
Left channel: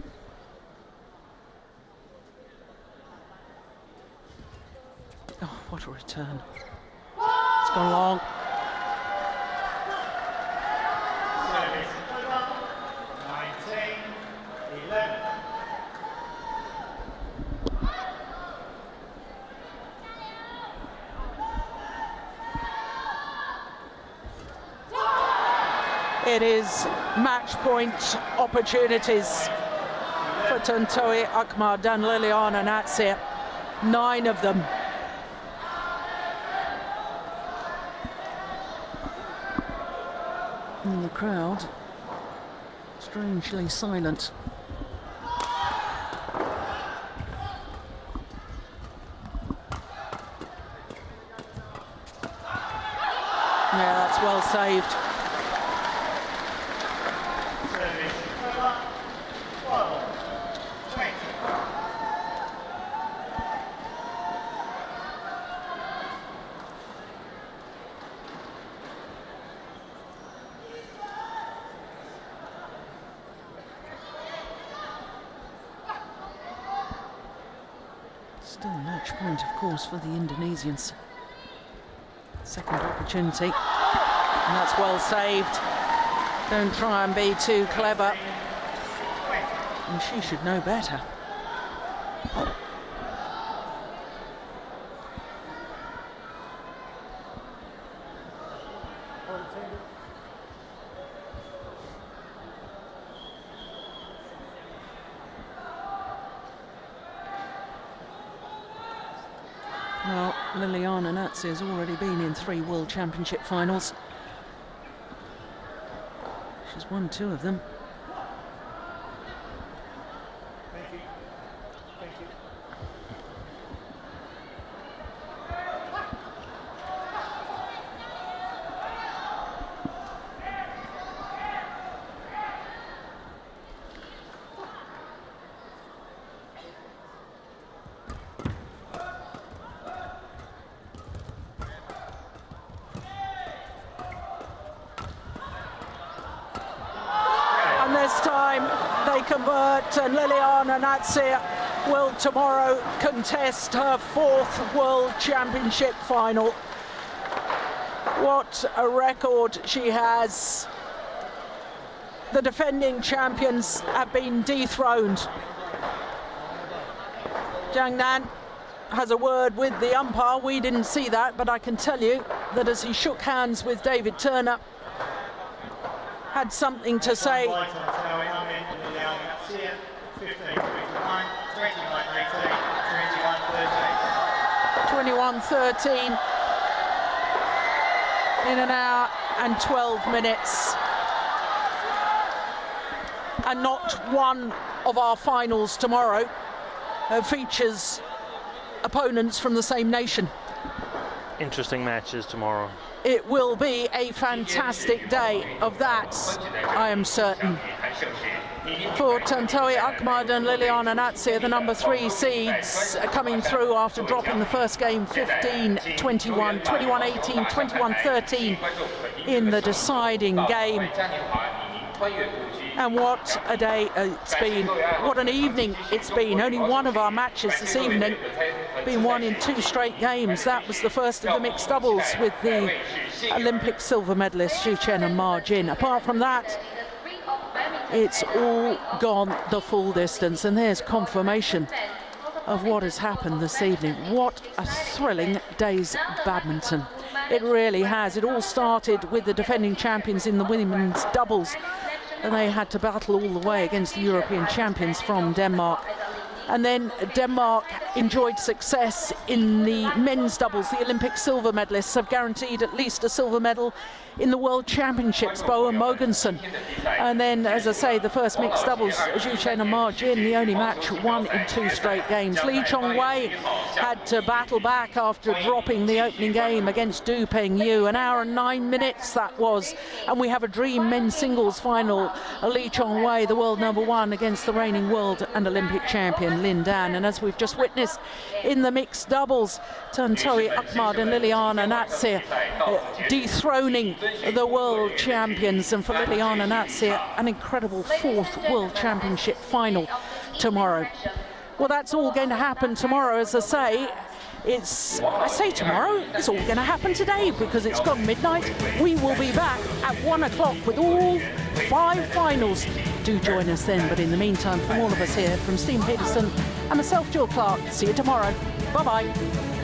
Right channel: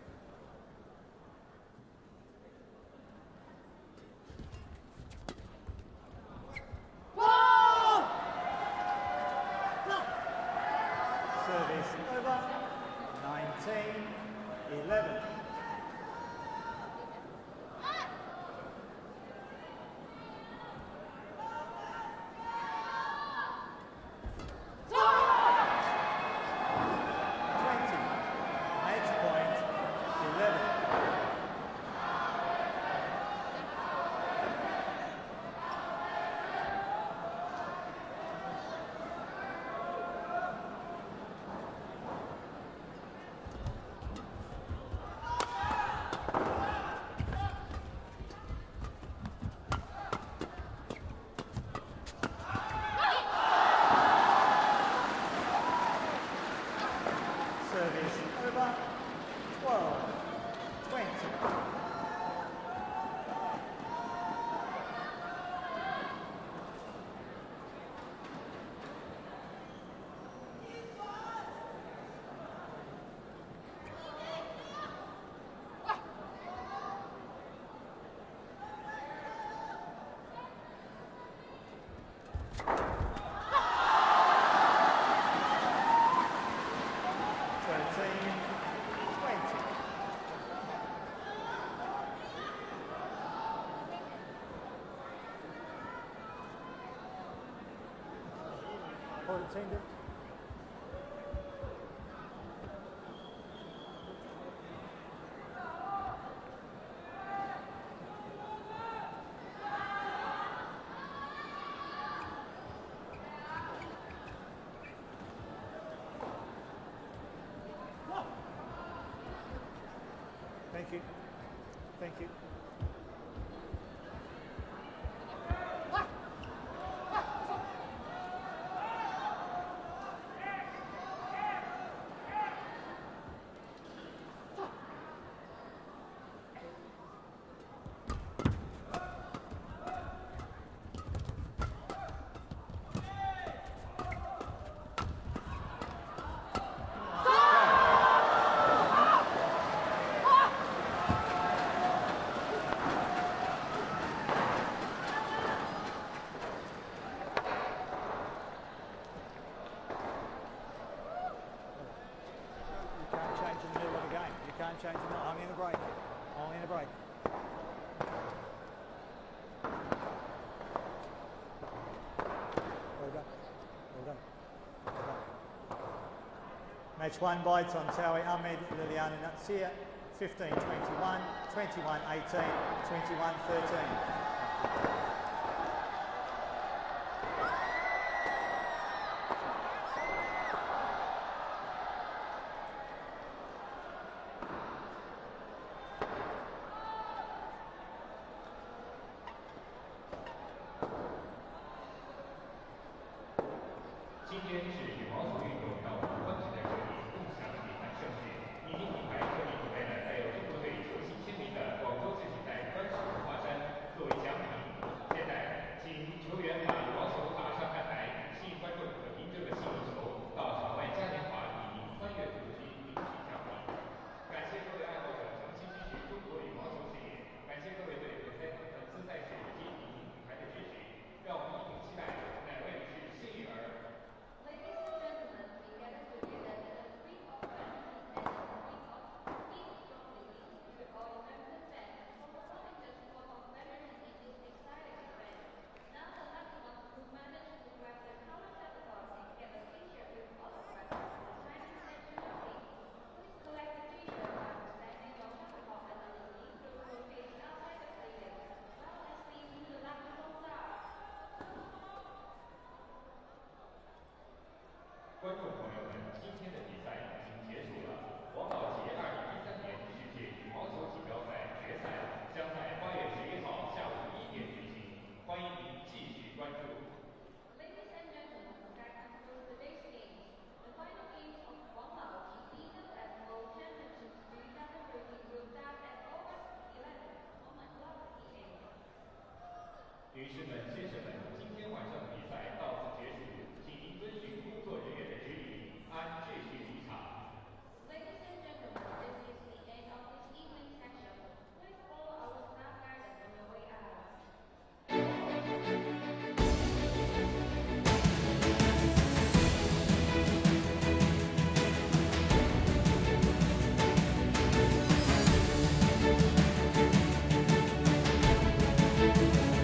What a return. It's gone long. Service over. 19-11. It is match point opportunities for Tontowi, Ahmad and Liliyana. 9 of them. And the crowd strangely silent. Yeah, that's well saved. Service over. 12-20. Still match point, of course, for the Indonesians. Second opportunity. And that's well saved. Don't try and be too clever. And she should know better. Well, Liliyana has already been in 3 World Championship finals. She's won 2 of them. Thank you. Thank you. And Liliyana will tomorrow contest her 4th World Championship final. What a record she has. The defending champions have been dethroned. Zhang has a word with the umpire. We didn't see that, but I can tell you that as he shook hands with David Turner, had something to say. 15-21, 21-18, 21-13 in an hour and 12 minutes. And not one of our finals tomorrow features opponents from the same nation. Interesting matches tomorrow. It will be a fantastic day of that, I am certain. For Tontowi, Ahmad and Liliyana, the number 3 seeds coming through after dropping the first game 15-21, 21-18, 21-13 in the deciding game. And what a day it's been, what an evening it's been. Only one of our matches this evening been won in 2 straight games. That was the first of the mixed doubles with the Olympic silver medalists Zhu Chen and Ma Jin. Apart from that, it's all gone the full distance, and there's confirmation of what has happened this evening. What a thrilling day's badminton. It really has. It all started with the defending champions in the women's doubles, and they had to battle all the way against the European champions from Denmark. And then Denmark enjoyed success in the men's doubles. The Olympic silver medalists have guaranteed at least a silver medal in the World Championships, Bo and Mogensen. And then, as I say, the first mixed doubles, Zhu Chen and Ma Jin, the only match won in 2 straight games. Lee Chongwei had to battle back after dropping the opening game against Du Pengyu. An hour and 9 minutes that was. And we have a dream men's singles final. Lee Chongwei, the world number 1, against the reigning world and Olympic champion Lin Dan. And as we've just witnessed in the mixed doubles, Tontowi, Ahmad and Liliyana dethroning the world champions, and for Liliyana, an incredible 4th World Championship final tomorrow. Well, that's all going to happen tomorrow, as I say. I say tomorrow, it's all going to happen today because it's gone midnight. We will be back at 1 o'clock with all 5 finals. Do join us then, but in the meantime, from all of us here, from Steve Hickson and myself, Jill Clark, see you tomorrow. Bye-bye.